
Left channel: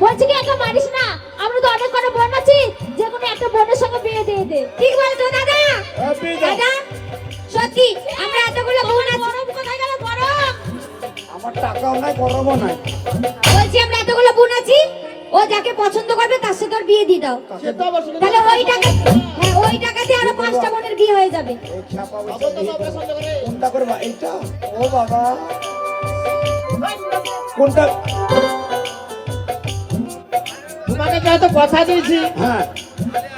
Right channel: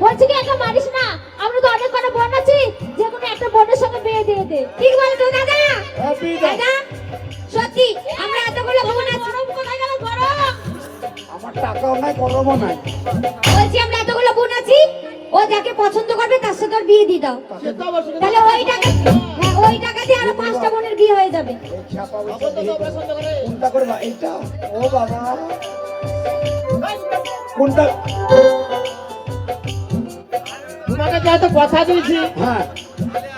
বলছি কি এত মারিস না আমরা তো অনেক বড় বোন আছি যে কোনো একটা বোনের সঙ্গে বিয়ে দিয়ে দে ঠিক বলছো দাদা দাদা সত্যি আমরা এতগুলো বোন আছি বরফ কোথায় গেল বরফ আমার টাকাও নাই গরমও নাই বলছি আমরা এতগুলো বোন আছি ও যাকে পছন্দ করবে তার সাথে ওর বিয়ে দিয়ে দাও তাহলে ওই টাকা হ্যাঁ ওই টাকা দিয়ে আরো 5টা বোনের বিয়ে হয়ে যাবে কোনটা করে এইটা ও বাবা কোনটা তোমাকে যেহেতু কথা দিয়েছি হ্যাঁ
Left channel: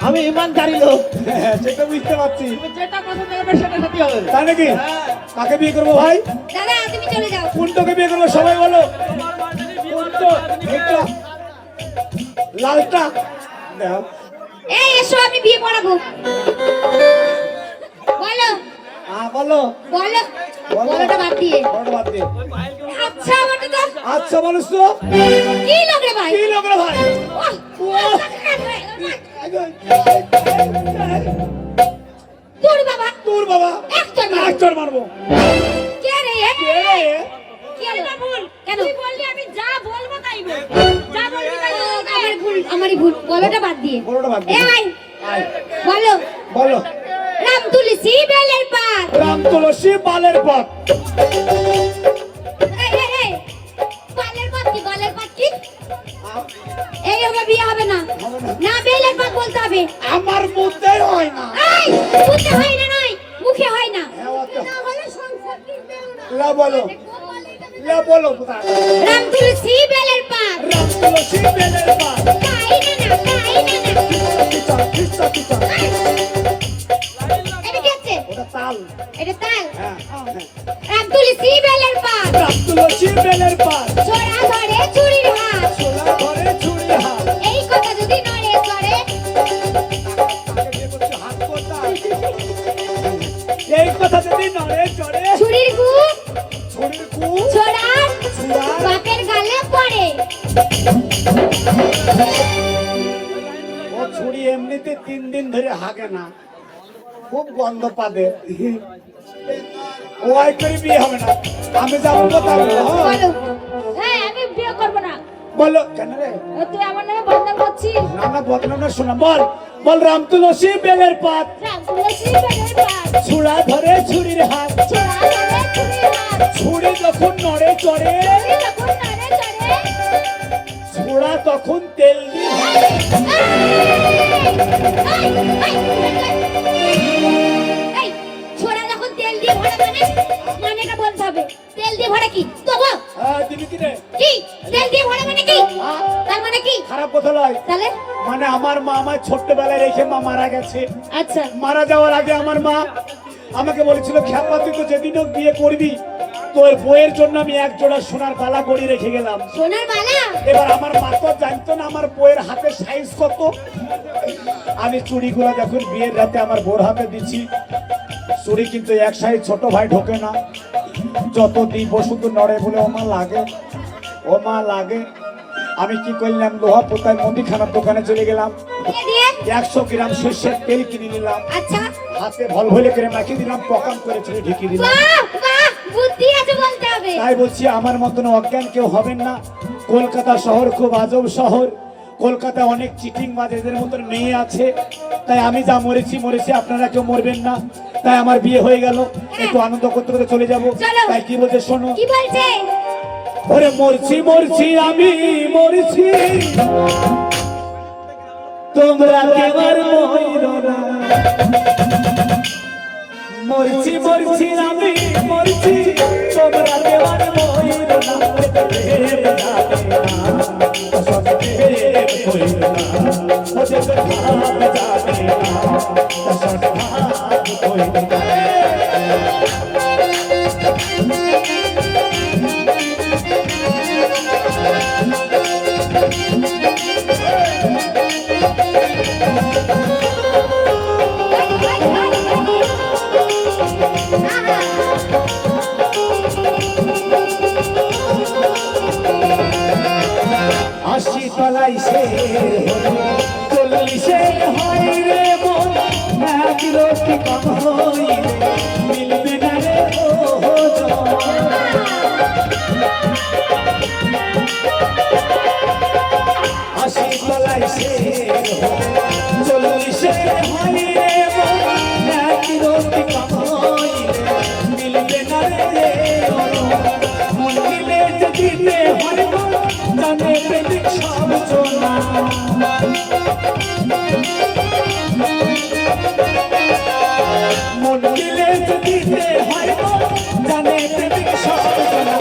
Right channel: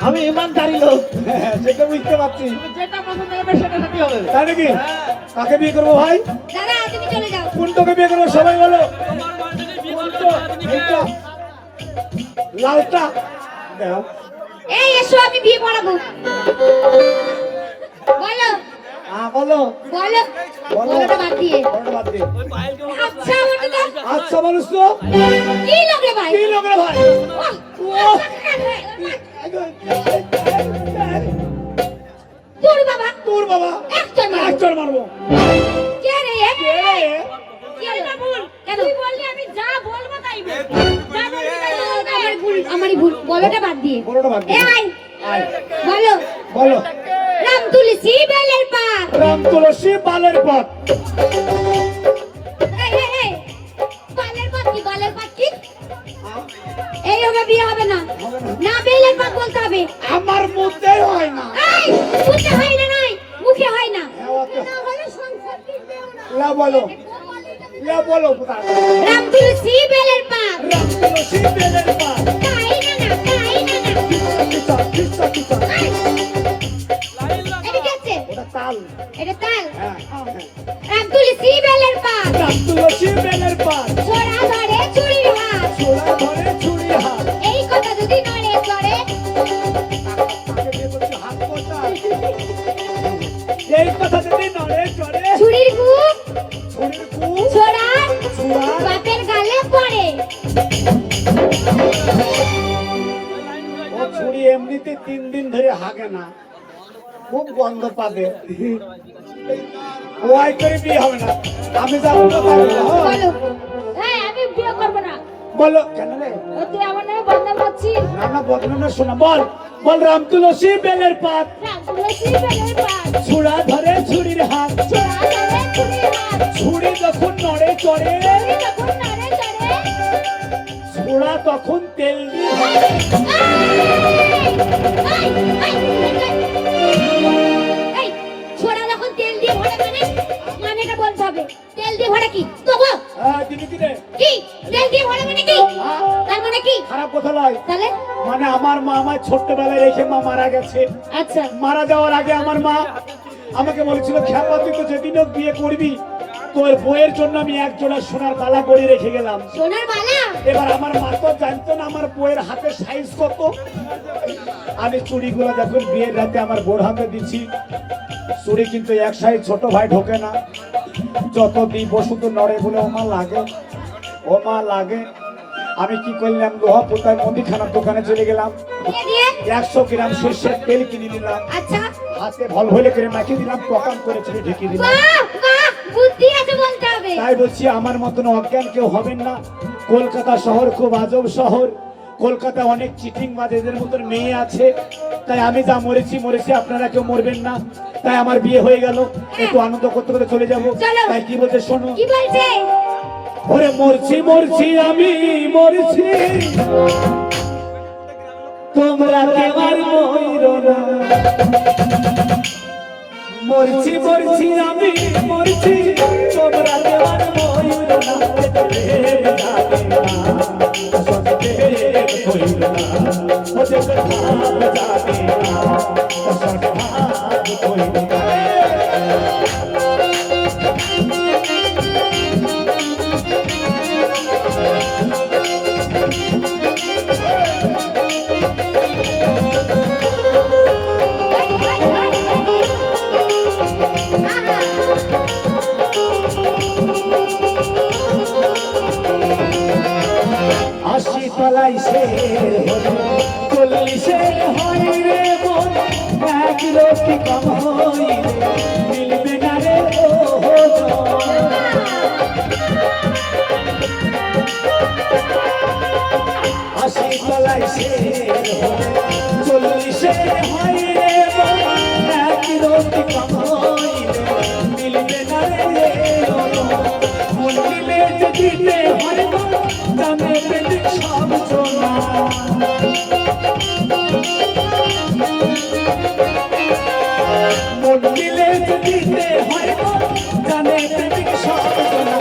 আমি ইমানদারি লোক হ্যাঁ, সেটা বুঝতে পারছি যেটা পছন্দ হবে সেটা সাথে হবে তাই নাকি কাকে বিয়ে করবো ভাই দাদা তুমি চলে যাও কোনটাকে বিয়ে করবো সবাই বলো কোনটা? এইটা লালটা দাও এই এসো আমি বিয়ে পড়াবো বলো বলো বলো বলোটা বাদ দিয়ে বড় বাদ দে আচ্ছা বলো তো আচ্ছা বলিস তো কি লাগে ভাই কি লোক রে ভাই তোর বাবা তোর বাবা একজন মারবো। একজন মারবো কে রে এ, কে রে ভুল কেন তুই বললি আমি যা বলবো তাই বল যা বলবি তাই বল আমারই ভুল বলোটা বাদ দিয়ে বড়টা বাদ দে এ ভাই বলো বলো রাম তুলসী বেলের পাত রাম তুলসী বালের পথ এই বালের পাত কি এই আমার বিয়ে হবে না না বেলের পাত বলতে হবে আমার মধ্যে হয় না এই মুখে হয় না নাই মুখে হয় না হ্যাঁ, ওকে। না হলে সংসার টিকবেও না লা বলো লা বলো কোথা রাম তুলসী বেলের পাত রাম তুলসী বেলের পথ তাই না কিচ্ছা কিচ্ছা কিচ্ছা এটা কি আছে এটা তাল এটা তাল হ্যাঁ রাম তুলসী বেলের পাত রাম তুলসী বেলের পথ ছোড়া ধরে চুরির হাত ছোলা ধরে ছুরি হাত এই কথা যদি নড়ে চড়ে তাকে দিয়ে বলছে হাত কোথা এই কথা যদি নড়ে চড়ে চুরির গুপ ছুরির কু ছোড়া ছোড়া বাপের গালে পড়ে ও ছুরি এমনিতে 3 দিন ধরে হাগে না খুব গন্ধ পাবে ওয়াই করে বিয়ে হবে না আমি যাবো না বলো হ্যাঁ আমি বিয়ে করব না বলো কেন রে তুই আমার নামে বদনাম করছিস না না বদনামে শোনা বল বল রাম তুলসী বেলের পাত রাম তুলসী বেলের পাত ছুরা ধরে ছুরির হাত ছোড়া ধরে চুরির হাত ছুরি যখন নড়ে চড়ে চুরি যখন নড়ে চড়ে ছুরা তখন তেল দিয়ে এই ছোড়া যখন তেল দিয়ে ভরা কি তবু দিদি দিনে কি তেল দিয়ে ভরা মানে কি তার মানে কি খারাপ কথা নয়, তাহলে মানে আমার মা আমার ছোট্টবেলায় রেখে মা মারা গেছে। আচ্ছা মারা যাওয়ার আগে আমার মা আমাকে বলেছিল, খেয়াল তুই তো যেদিন হোক বিয়ে করবি তোর বইয়ের জন্য আমি এক জোড়া সোনার বালা করে রেখে গেলাম। সোনার মালা এবার আমার মা তো জানতো না আমার বইয়ের হাতের সাইজ কত। আমি চুড়িগুলো দেখুন বিয়ের রাতে আমার বোর হাতে দিচ্ছি। চুড়ি কিন্তু এক সাইজ ছোট ভাই ঢোকে না, যত দিই বসু তো নড়ে বলে ও মা লাগে, ও মা লাগে। আমি কি করলাম, লোহা পোতায় মুদিখানার দোকানে চলে গেলাম, দিয়ে 100 গ্রাম সর্ষের তেল কিনে নিলাম, আচ্ছা হাতে ভল ভলে করে মাখিয়ে দিলাম, পকাম করে ছেড়ে ঢেকে দিলাম। বাহ বাহ বুদ্ধি আছে বলতে হবে। তাই বলছি আমার মতন অজ্ঞান কেউ হবেন না। কলকাতা শহর খুব আজব শহর, কলকাতায় অনেক চিটিং বাজেদের মতন মেয়ে আছে। তাই আমি যা মরেছি মরেছি, আপনারা কেউ মরবেন না। তাই আমার বিয়ে হয়ে গেল, একটু আনন্দ করতে করতে চলে যাবো। চলো। তাই কি বলতে শোনো, কি বলছে ওরে মরছি মরছি আমি মরছি, তোমরা কেউ আর মরো না। মরছি মরছি আমি মরছি, তোমরা কেউ আর মরো না। আশি তলাই সে 40 হয় রে মন, এক রতি কামাই রে মিলবে না রে ও আশি তলাই সে 40 হয় রে মন, এক রতি কামাই রে মিলবে না রে মন মিলে দিতে হয় জানে প্রেমিক সব চোনা। মন দিলে দিতে হয় জানে প্রেমিক সব চোনা।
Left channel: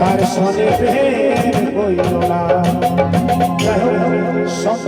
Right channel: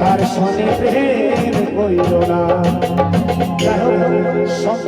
তার সনে প্রেম কইল না।